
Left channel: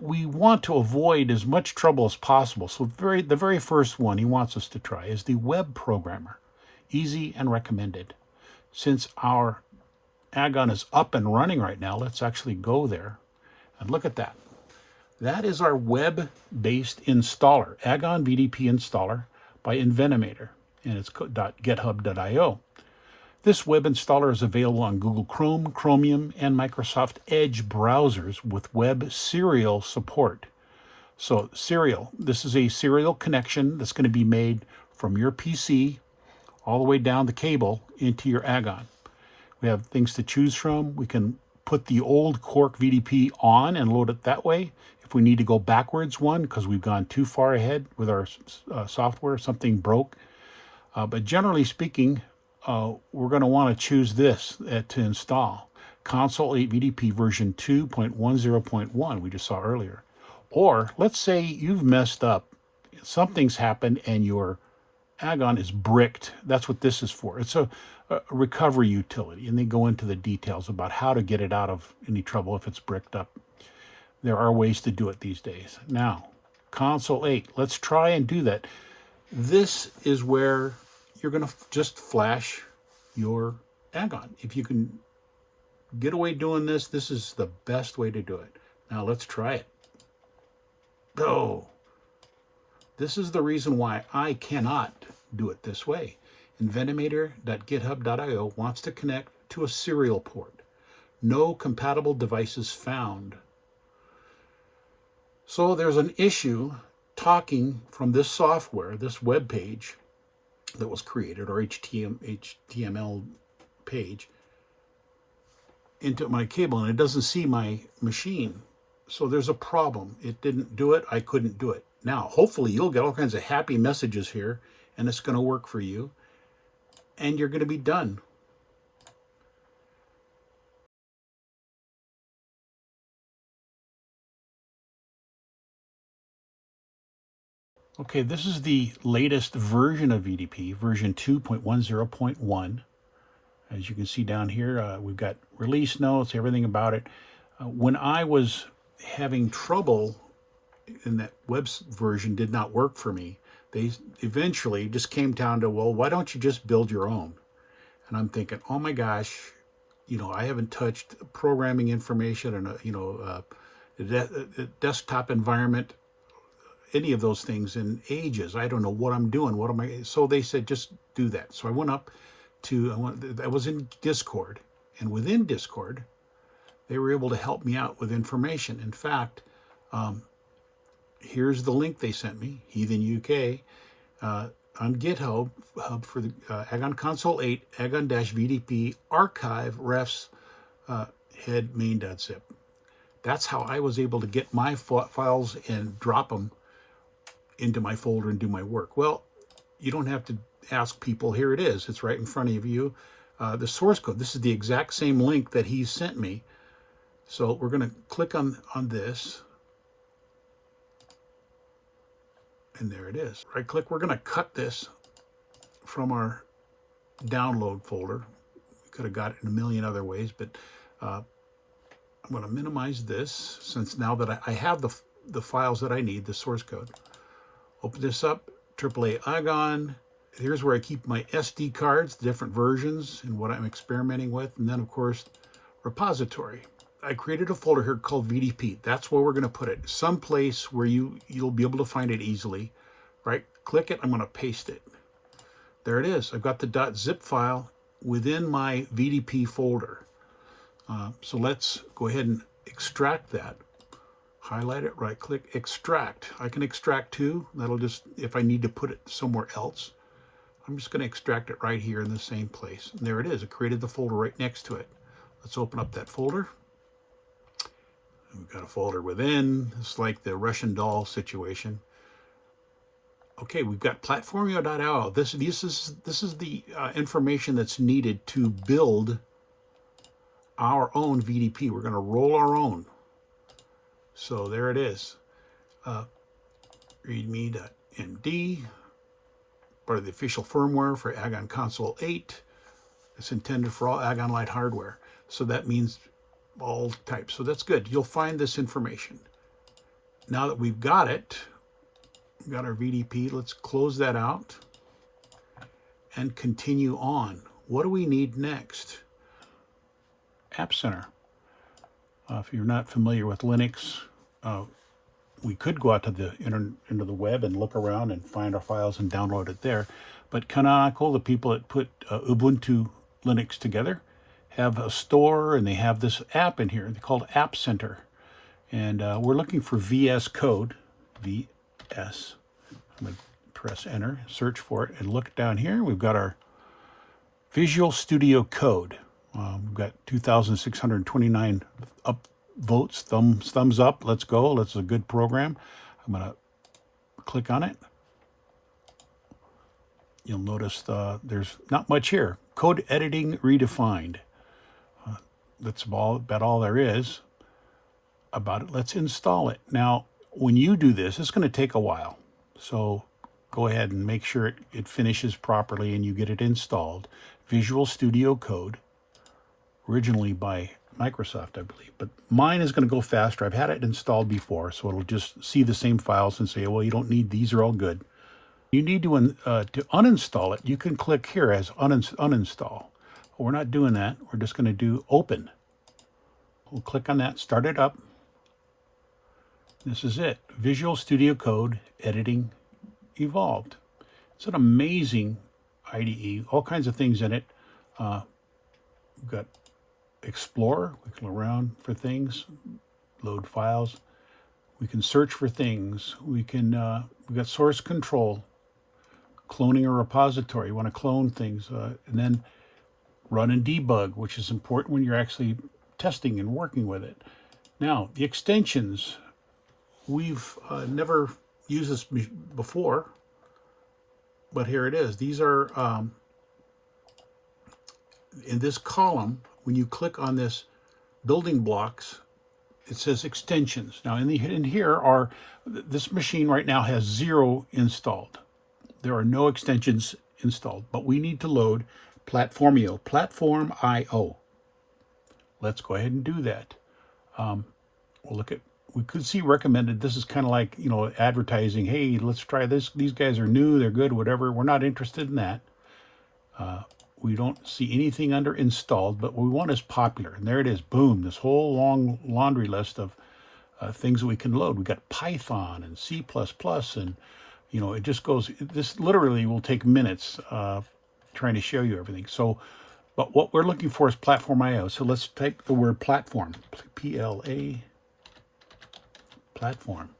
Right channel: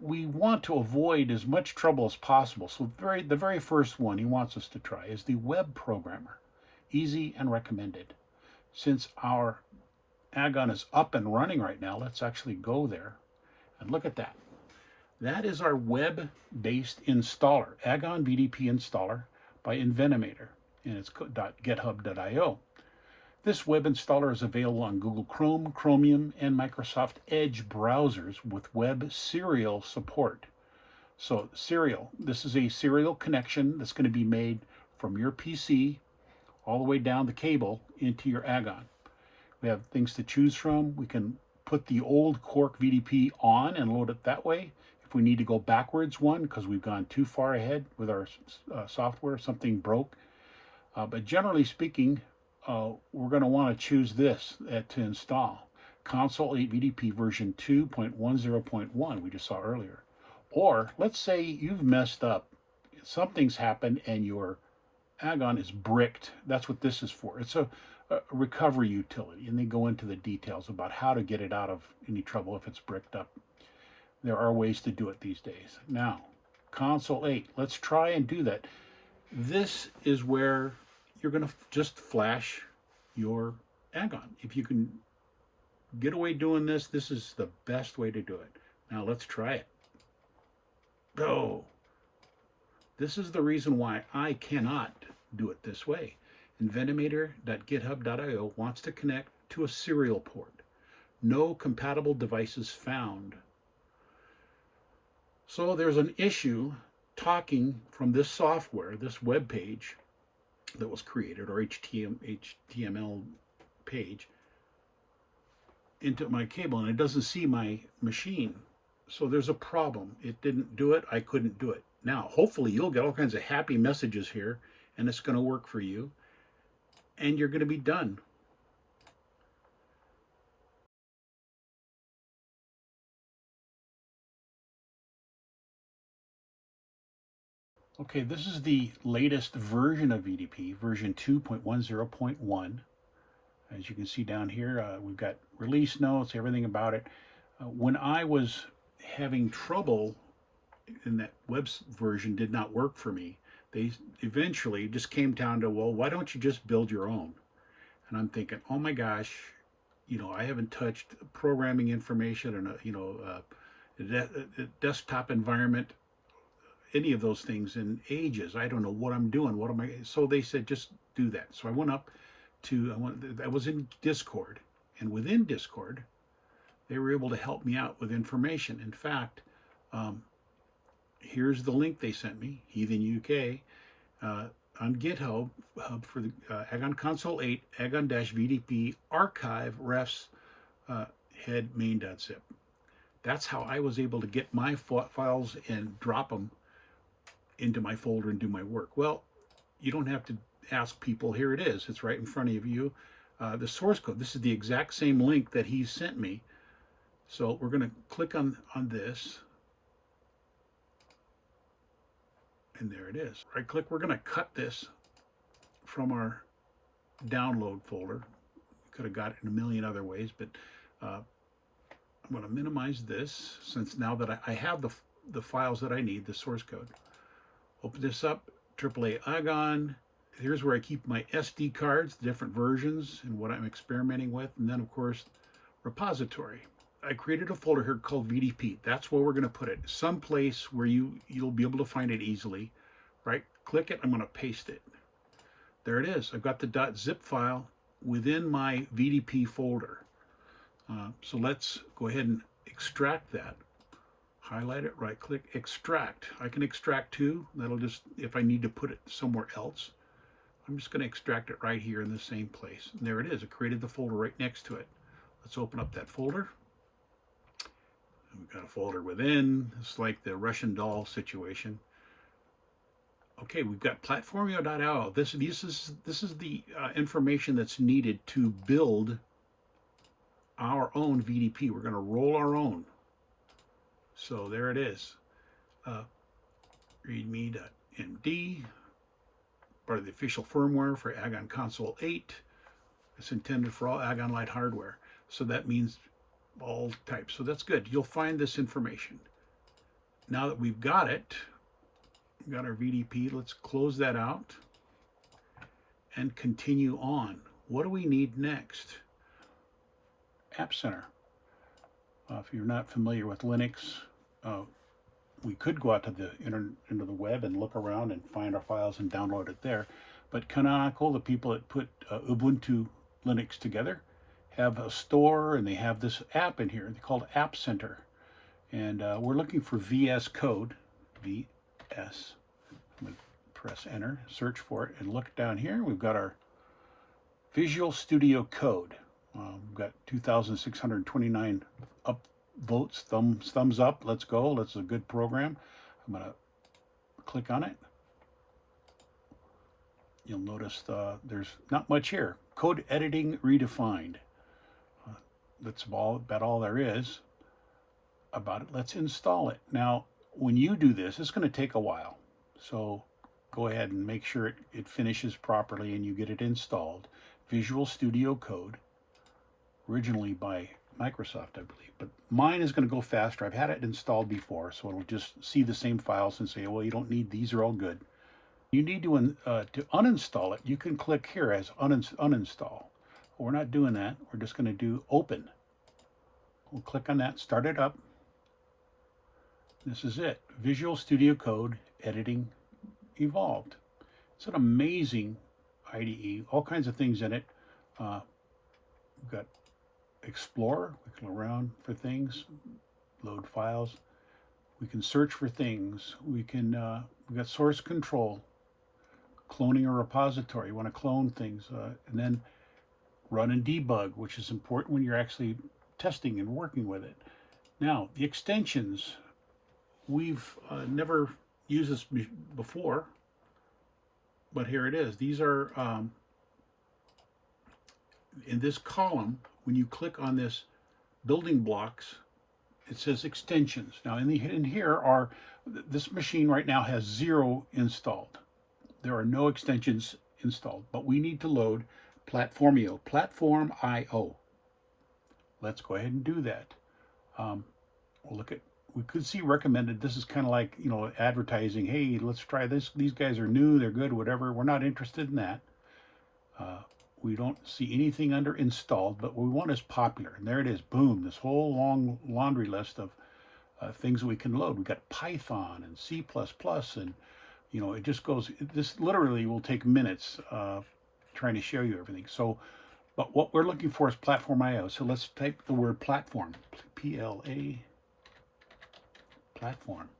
we want to avoid as much trouble as possible. So the very first one he wants us to try is the web programmer. Easy and recommended. Since our Agon is up and running right now, let's actually go there and look at that. That is our web-based installer, Agon VDP installer by Venomator, and it's .github.io. This web installer is available on Google Chrome, Chromium, and Microsoft Edge browsers with web serial support. So serial, this is a serial connection that's going to be made from your PC all the way down the cable into your Agon. We have things to choose from. We can put the old Quark VDP on and load it that way. If we need to go backwards one because we've gone too far ahead with our software, something broke. But generally speaking, we're going to want to choose this to install. Console 8 VDP version 2.10.1 we just saw earlier. Or let's say you've messed up. Something's happened and your Agon is bricked. That's what this is for. It's a recovery utility, and they go into the details about how to get it out of any trouble if it's bricked up. There are ways to do it these days. Now, Console 8, let's try and do that. This is where you're going to just flash your Agon. If you can get away doing this, this is the best way to do it. Now, let's try it. Oh, this is the reason why I cannot do it this way. Venomator.github.io wants to connect to a serial port. No compatible devices found. So there's an issue talking from this software, this web page that was created, or HTML page, into my cable, and it doesn't see my machine. So there's a problem. It didn't do it. I couldn't do it. Now, hopefully you'll get all kinds of happy messages here, and it's going to work for you, and you're going to be done. Okay, this is the latest version of VDP, version 2.10.1, As you can see down here, we've got release notes, everything about it. When I was having trouble and that web version did not work for me, they eventually just came down to, well, why don't you just build your own? And I'm thinking, oh my gosh, I haven't touched programming information and a desktop environment, any of those things in ages. I don't know what I'm doing. What am I? So they said, just do that. So I went up to, I was in Discord, and within Discord, they were able to help me out with information. In fact, here's the link they sent me, Heathen UK, on GitHub for the Agon Console 8, Agon-VDP archive refs head main.zip. That's how I was able to get my files and drop them into my folder and do my work. Well, you don't have to ask people. Here it is. It's right in front of you. The source code. This is the exact same link that he sent me. So we're going to click on this. And there it is. Right click. We're going to cut this from our download folder. We could have got it in a million other ways, but I'm going to minimize this since now that I have the files that I need, the source code. Open this up, AAA Agon. Here's where I keep my SD cards, the different versions and what I'm experimenting with. And then, of course, repository. I created a folder here called VDP. That's where we're going to put it. Someplace where you'll be able to find it easily. Right? Click it. I'm going to paste it. There it is. I've got the .zip file within my VDP folder. So let's go ahead and extract that. Highlight it, right click, extract. I can extract too. That'll just, if I need to put it somewhere else, I'm just going to extract it right here in the same place. And there it is. It created the folder right next to it. Let's open up that folder. We've got a folder within. It's like the Russian doll situation. Okay, we've got platformio.io. This is the information that's needed to build our own VDP. We're going to roll our own. So there it is. Readme.md, part of the official firmware for Agon Console 8. It's intended for all Agon Light hardware. So that means all types. So that's good. You'll find this information. Now that we've got it, we've got our VDP, let's close that out and continue on. What do we need next? App Center. If you're not familiar with Linux, we could go out to the into the web and look around and find our files and download it there. But Canonical, the people that put Ubuntu Linux together, have a store, and they have this app in here. They're called App Center. And we're looking for VS Code, VS. I'm going to press enter, search for it, and look down here. We've got our Visual Studio Code. We've got 2,629 votes, thumbs up. Let's go. That's a good program. I'm going to click on it. You'll notice there's not much here. Code editing redefined. That's about all there is about it. Let's install it. Now, when you do this, it's going to take a while. So go ahead and make sure it finishes properly and you get it installed. Visual Studio Code. Originally by Microsoft, I believe, but mine is going to go faster. I've had it installed before, so it'll just see the same files and say, well, you don't need these, are all good. You need to uninstall it. You can click here as uninstall. We're not doing that. We're just going to do open. We'll click on that, start it up. This is it. Visual Studio Code Editing Evolved. It's an amazing IDE, all kinds of things in it. We've got Explore, we can look around for things, load files. We can search for things. We've got source control, cloning a repository. You want to clone things, and then run and debug, which is important when you're actually testing and working with it. Now, the extensions, we've never used this before, but here it is. These are in this column. When you click on this building blocks, it says extensions. Now in here are, this machine right now has 0 installed. There are no extensions installed, but we need to load Platformio, Platform.io. Let's go ahead and do that. We'll look at, we could see recommended. This is kind of like, you know, advertising. Hey, let's try this. These guys are new, they're good, whatever. We're not interested in that. We don't see anything under installed, but what we want is popular. And there it is. Boom. This whole long laundry list of things we can load. We got Python and C++, and, you know, it just goes. This literally will take minutes trying to show you everything. So, but what we're looking for is Platform.io. So let's type the word platform, P-L-A, platform.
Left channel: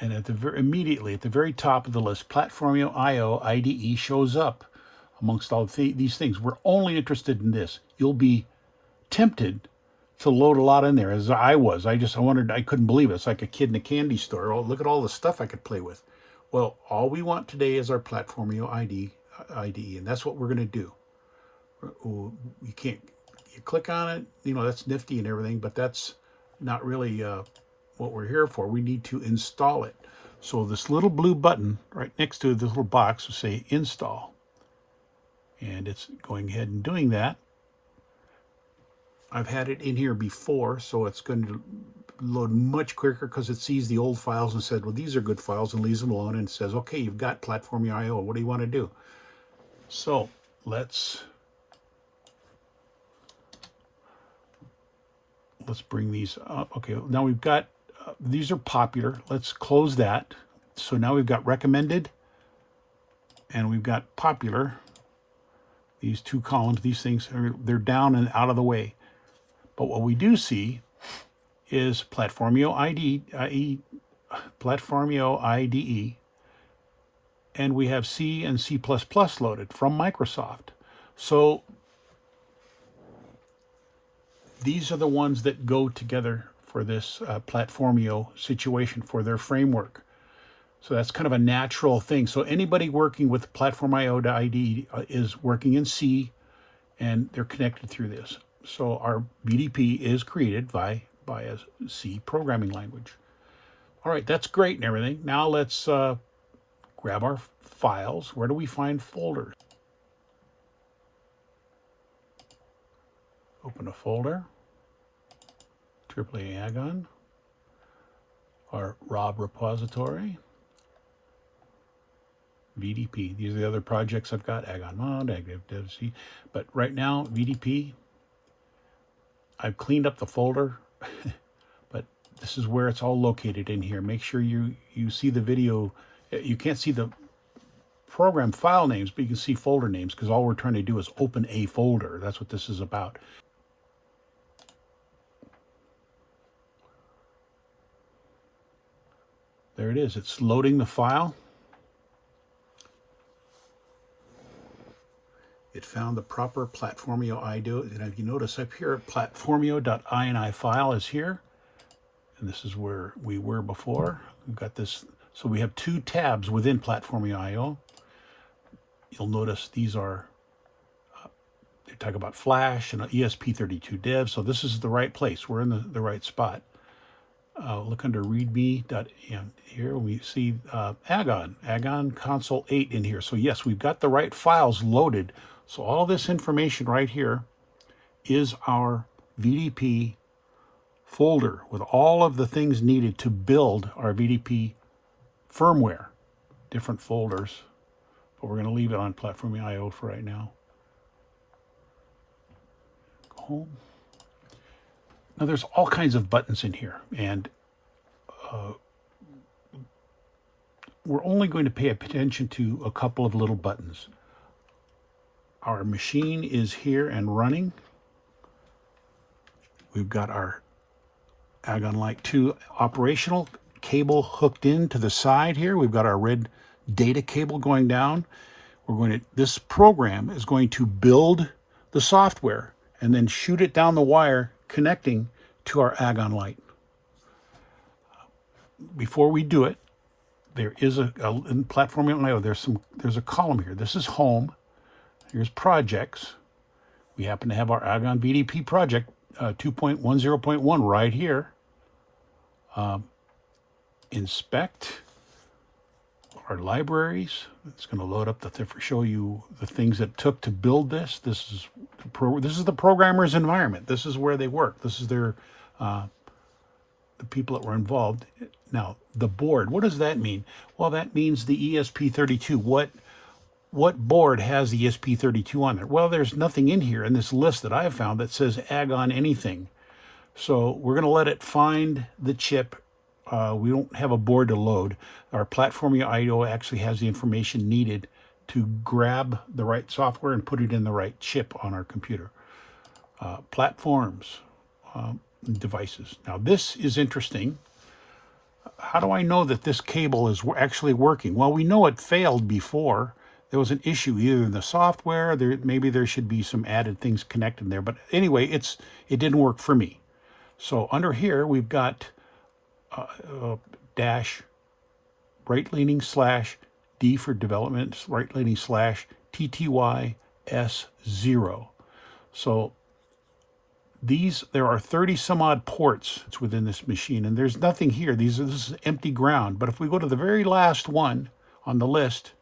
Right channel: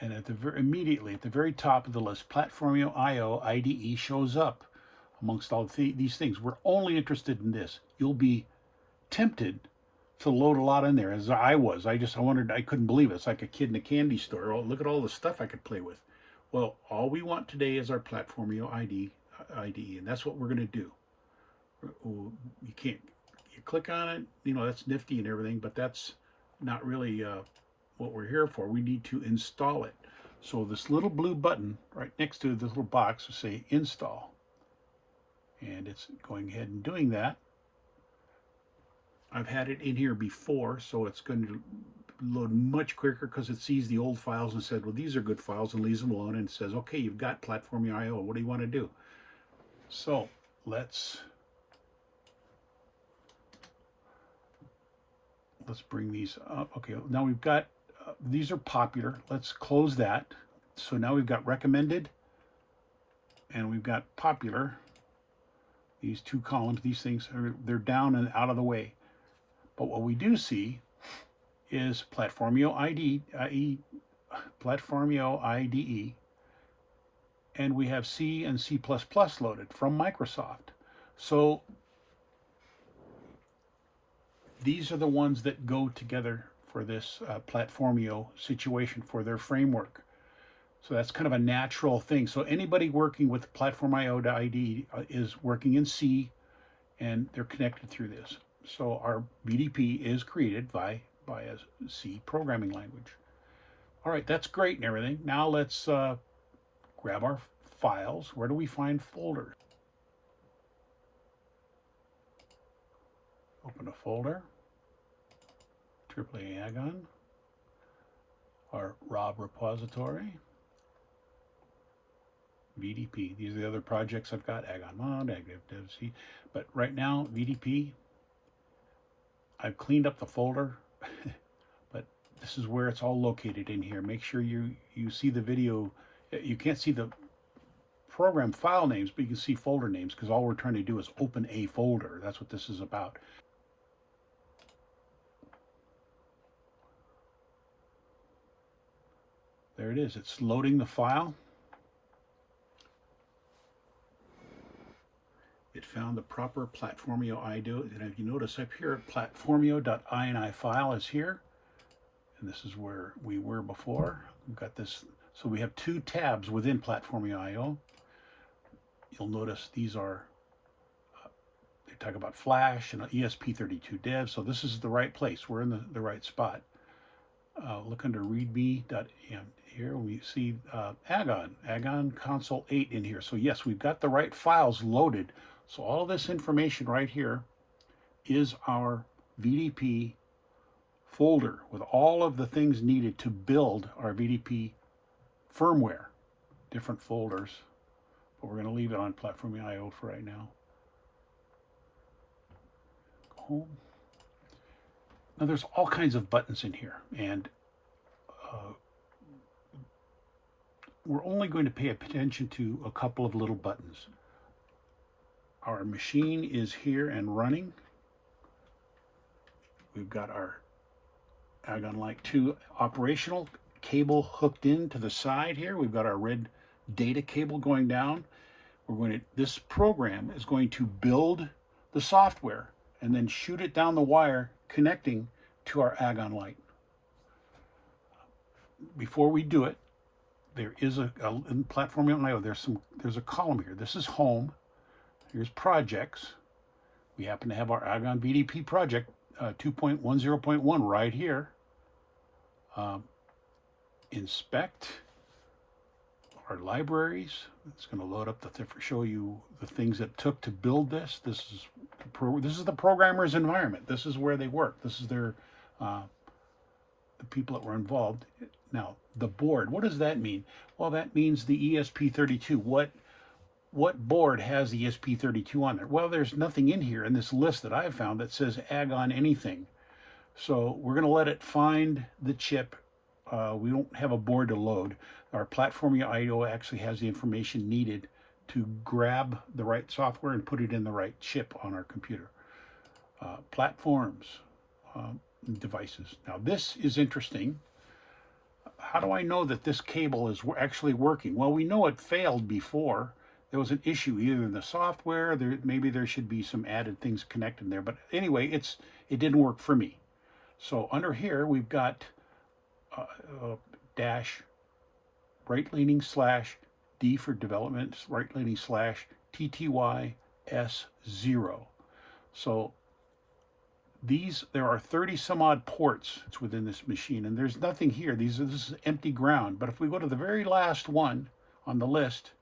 And at the immediately at the very top of the list, Platformio.io IDE shows up amongst all these things. We're only interested in this. You'll be tempted to load a lot in there, as I was. I wondered, I couldn't believe it. It's like a kid in a candy store. Oh, look at all the stuff I could play with. Well, all we want today is our Platformio IDE, and that's what we're going to do. You can't, you click on it, you know, that's nifty and everything, but that's not really what we're here for. We need to install it. So this little blue button right next to this little box will say install. And it's going ahead and doing that. I've had it in here before, so it's going to load much quicker because it sees the old files and said, well, these are good files, and leaves them alone, and says, okay, you've got Platformio.io. What do you want to do? So let's bring these up. Okay, now we've got, these are popular. Let's close that. So now we've got recommended, and we've got popular. These two columns, these things, they're down and out of the way. But what we do see is Platformio IDE, and we have C and C++ loaded from Microsoft. So these are the ones that go together for this Platformio situation for their framework. So that's kind of a natural thing. So anybody working with Platform.io IDE is working in C, and they're connected through this. So our VDP is created by a C programming language. All right, that's great and everything. Now let's grab our files. Where do we find folders? Open a folder. AAA Agon. Our Rob repository. VDP. These are the other projects I've got. Agon Mod, Agon DevC. But right now, VDP, I've cleaned up the folder, but this is where it's all located in here. Make sure you see the video. You can't see the program file names, but you can see folder names, because all we're trying to do is open a folder. That's what this is about. There it is. It's loading the file. It found the proper Platformio IDE, and if you notice up here, Platformio.ini file is here, and this is where we were before. We've got this, so we have two tabs within Platformio.io. You'll notice these are, they talk about Flash and ESP32 dev, so this is the right place. We're in the right spot. Look under readme.m. Here we see Agon console 8 in here. So yes, we've got the right files loaded. So all this information right here is our VDP folder with all of the things needed to build our VDP firmware. Different folders, but we're going to leave it on Platform.io for right now. Go home. Now there's all kinds of buttons in here, and we're only going to pay attention to a couple of little buttons. Our machine is here and running. We've got our Agon Light 2 operational cable hooked in to the side here. We've got our red data cable going down. This program is going to build the software and then shoot it down the wire connecting to our Agon Light. Before we do it, there is in Platform.io, there's a column here. This is home. Here's projects. We happen to have our Agon VDP project 2.10.1 right here. Inspect. our libraries. It's going to load up show you the things that it took to build this. This is the programmer's environment. This is where they work. This is their the people that were involved. Now, the board, what does that mean? Well, that means the ESP32. What board has the ESP32 on there? Well, there's nothing in here in this list that I've found that says Agon anything. So we're going to let it find the chip. We don't have a board to load. Our Platformio IO actually has the information needed to grab the right software and put it in the right chip on our computer. Platforms, devices. Now this is interesting. How do I know that this cable is actually working? Well, we know it failed before. There was an issue either in the software, maybe there should be some added things connected there. But anyway, it didn't work for me. So under here, we've got dash right-leaning / D for development, right-leaning / TTY S0. So there are 30 some odd ports within this machine, and there's nothing here. This is empty ground. But if we go to the very last one on the list,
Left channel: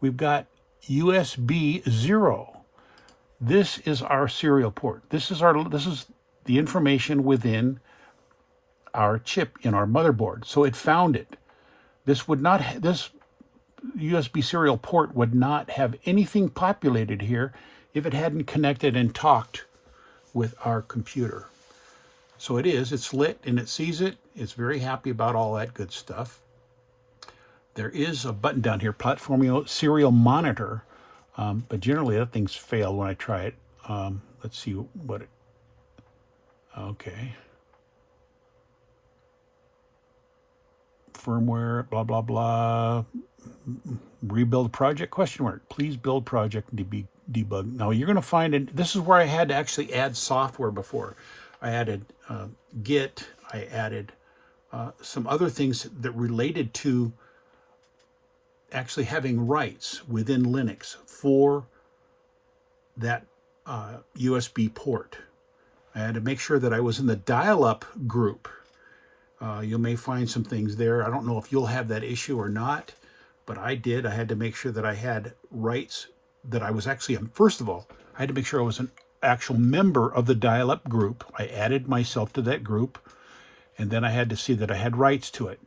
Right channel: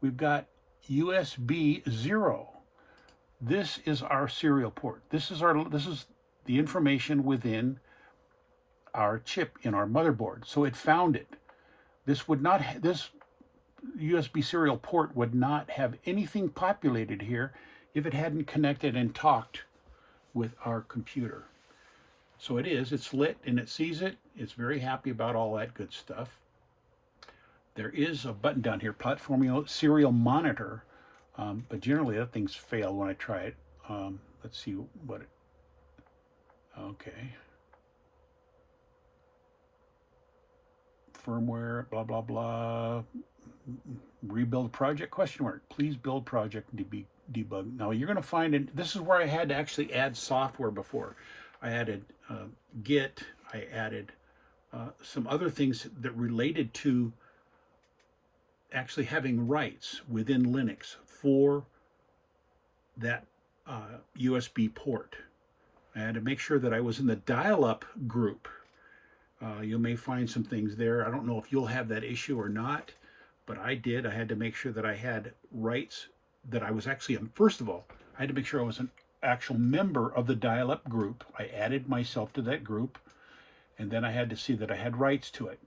we've got USB 0. This is our serial port. This is the information within our chip in our motherboard. So it found it. This USB serial port would not have anything populated here if it hadn't connected and talked with our computer. So it's lit and it sees it. It's very happy about all that good stuff. There is a button down here, Platformio Serial Monitor, but generally that thing's failed when I try it. Let's see what okay. Firmware, blah, blah, blah. Rebuild project, ? Please build project debug. Now you're going to find this is where I had to actually add software before. I added Git. I added some other things that related to actually having rights within Linux for that USB port. I had to make sure that I was in the dial-up group. You may find some things there. I don't know if you'll have that issue or not, but I did. I had to make sure that I had rights, that I was actually, first of all, I had to make sure I was an actual member of the dial-up group. I added myself to that group, and then I had to see that I had rights to it.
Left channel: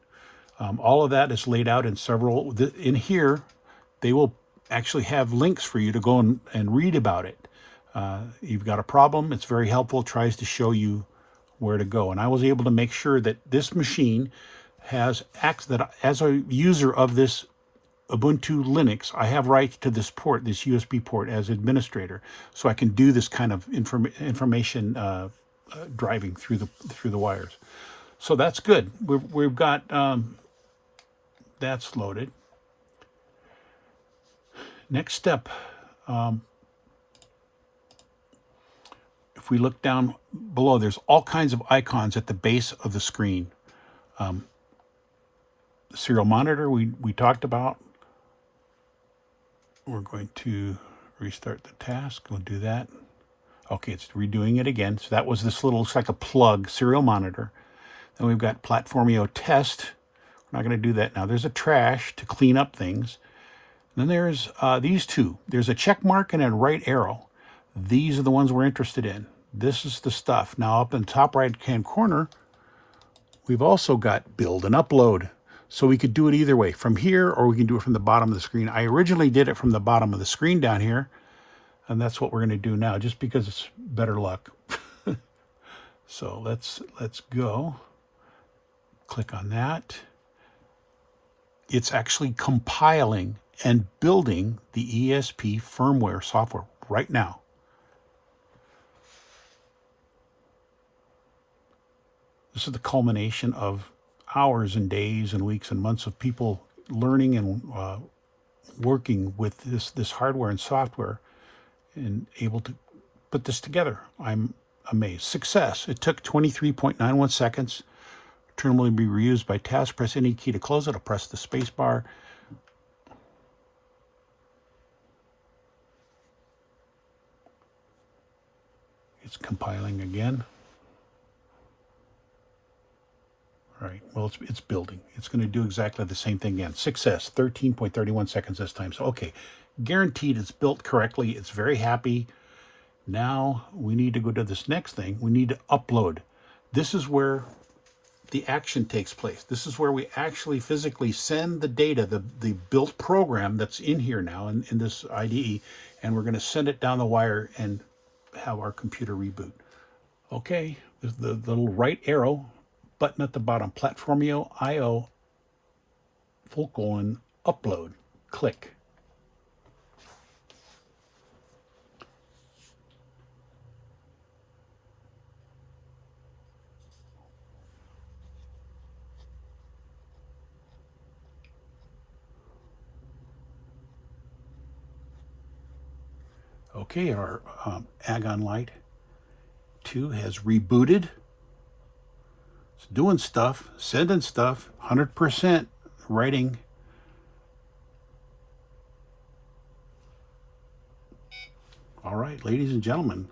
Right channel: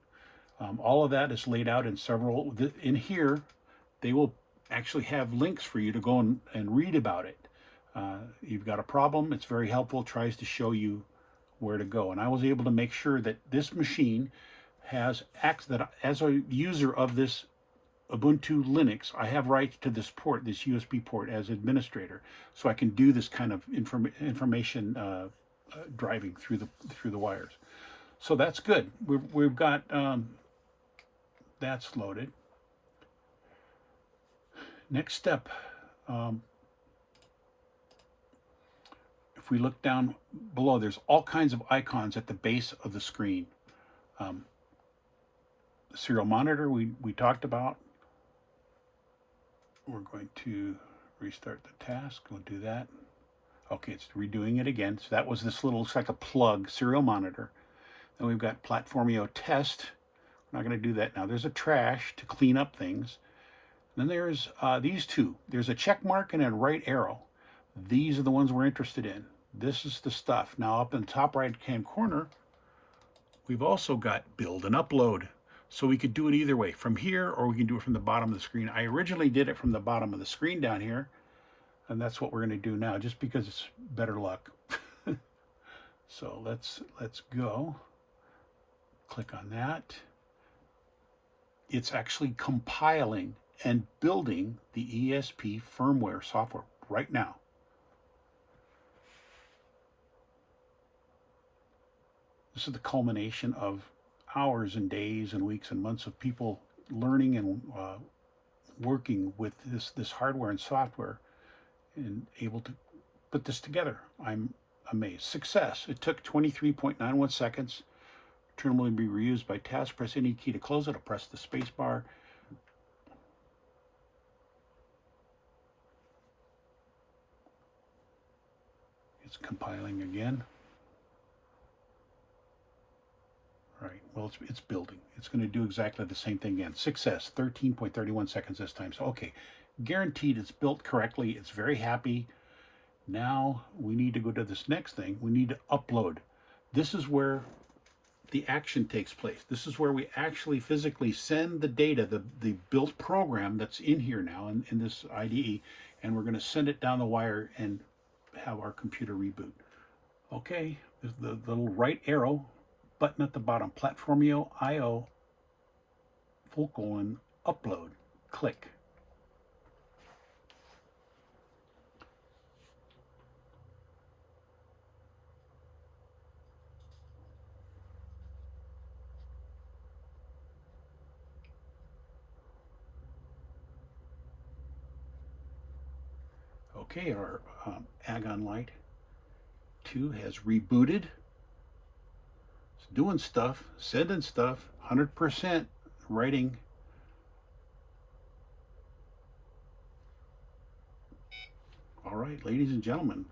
All of that is laid out in several, in here, they will actually have links for you to go and read about it. You've got a problem, it's very helpful, it tries to show you where to go. And I was able to make sure that this machine has that as a user of this Ubuntu Linux, I have rights to this port, this USB port as administrator, so I can do this kind of information driving through the wires. So that's good. We've got that's loaded. Next step. If we look down below, there's all kinds of icons at the base of the screen. The serial monitor we talked about. We're going to restart the task. We'll do that. Okay, it's redoing it again. So that was this little, looks like a plug, serial monitor. Then we've got Platformio test. We're not going to do that now. There's a trash to clean up things. Then there's these two. There's a check mark and a right arrow. These are the ones we're interested in. This is the stuff. Now up in the top right-hand corner, we've also got build and upload. So we could do it either way, from here, or we can do it from the bottom of the screen. I originally did it from the bottom of the screen down here, and that's what we're going to do now, just because it's better luck. So let's go. Click on that. It's actually compiling and building the ESP firmware software right now. This is the culmination of hours and days and weeks and months of people learning and working with this hardware and software and able to put this together. I'm amazed. Success. It took 23.91 seconds. Terminal will be reused by task. Press any key to close it. I'll press the space bar. It's compiling again. Right. right, well, it's building. It's going to do exactly the same thing again. Success, 13.31 seconds this time. So, okay, guaranteed it's built correctly. It's very happy. Now we need to go to this next thing. We need to upload. This is where the action takes place. This is where we actually physically send the data, the built program that's in here now in this IDE, and we're going to send it down the wire and have our computer reboot. Okay, the little right arrow button at the bottom, Platformio IO, upload, click. Okay, our Agon Light 2 has rebooted. It's doing stuff, sending stuff, 100% writing. All right, ladies and gentlemen,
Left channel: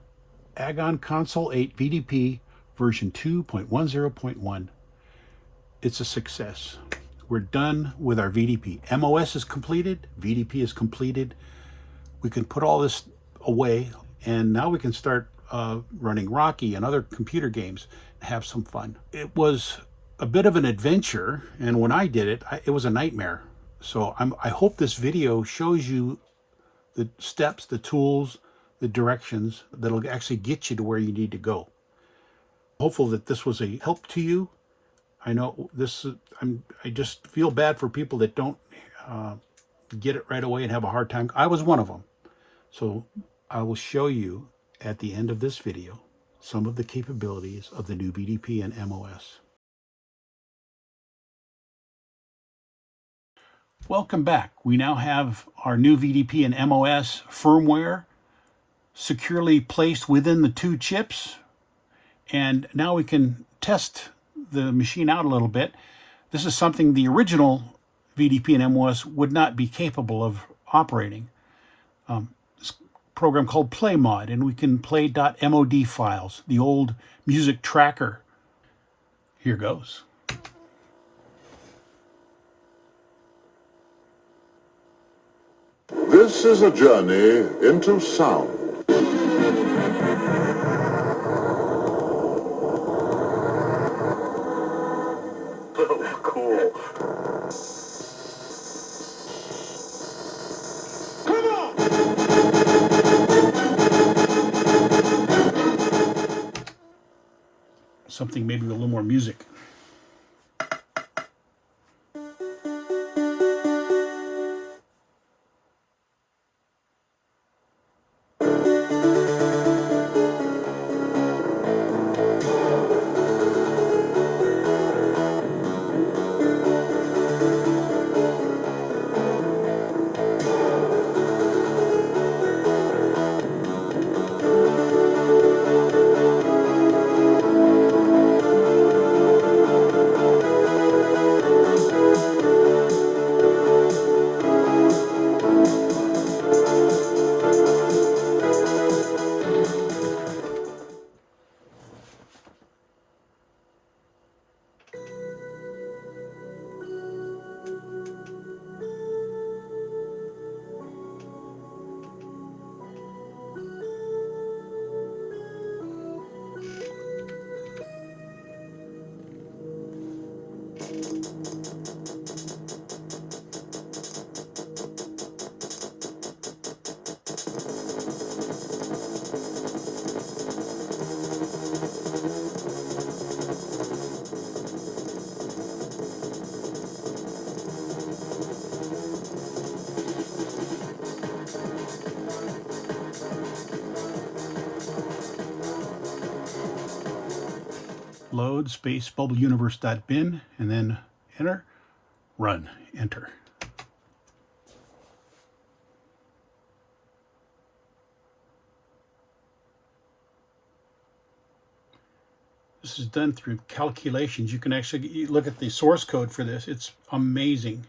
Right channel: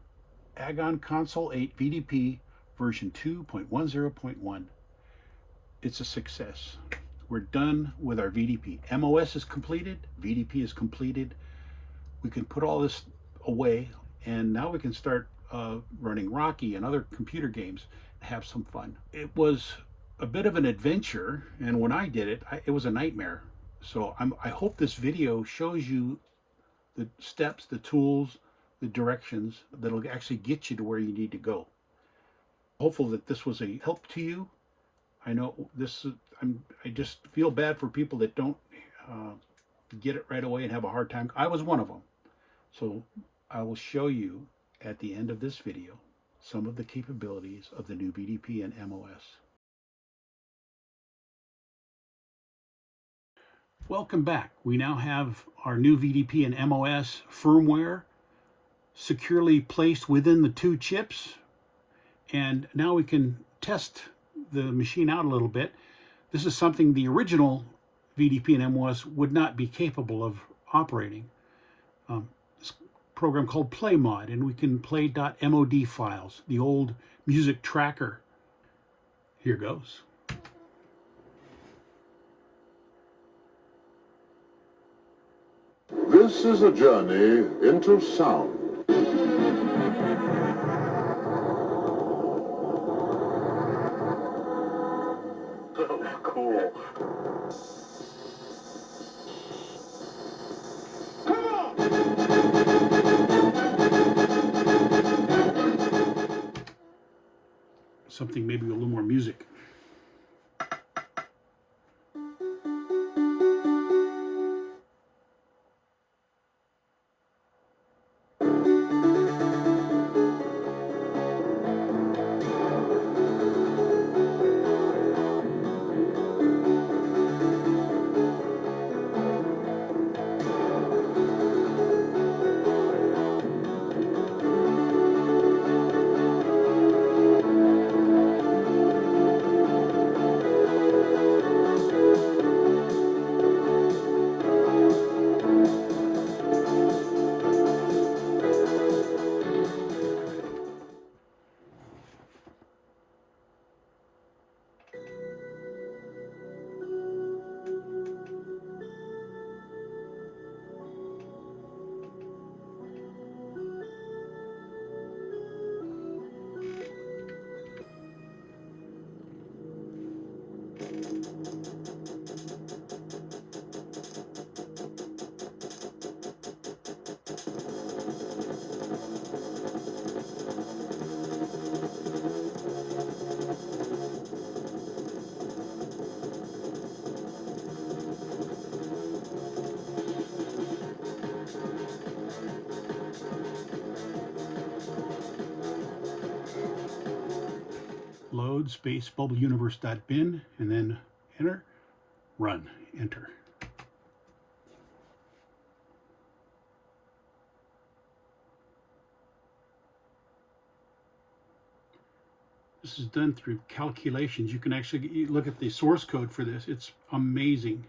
Agon Console 8 VDP version 2.10.1. It's a success. We're done with our VDP. MOS is completed, VDP is completed. We can put all this away, and now we can start running Rocky and other computer games and have some fun. It was a bit of an adventure, and when I did it, it was a nightmare. So I hope this video shows you the steps, the tools, the directions that'll actually get you to where you need to go. Hopeful that this was a help to you. I know this. I just feel bad for people that don't get it right away and have a hard time. I was one of them. So I will show you at the end of this video some of the capabilities of the new VDP and MOS. Welcome back. We now have our new VDP and MOS firmware securely placed within the two chips. And now we can test the machine out a little bit. This is something the original VDP and MOS would not be capable of operating. This program called PlayMod, and we can play .mod files, the old music tracker. Here goes. This is a journey into sound. Oh, cool. Come on! Something maybe with a little more music. Load space bubbleuniverse.bin and then enter, run, enter. This is done through calculations. You can actually look at the source code for this. It's amazing.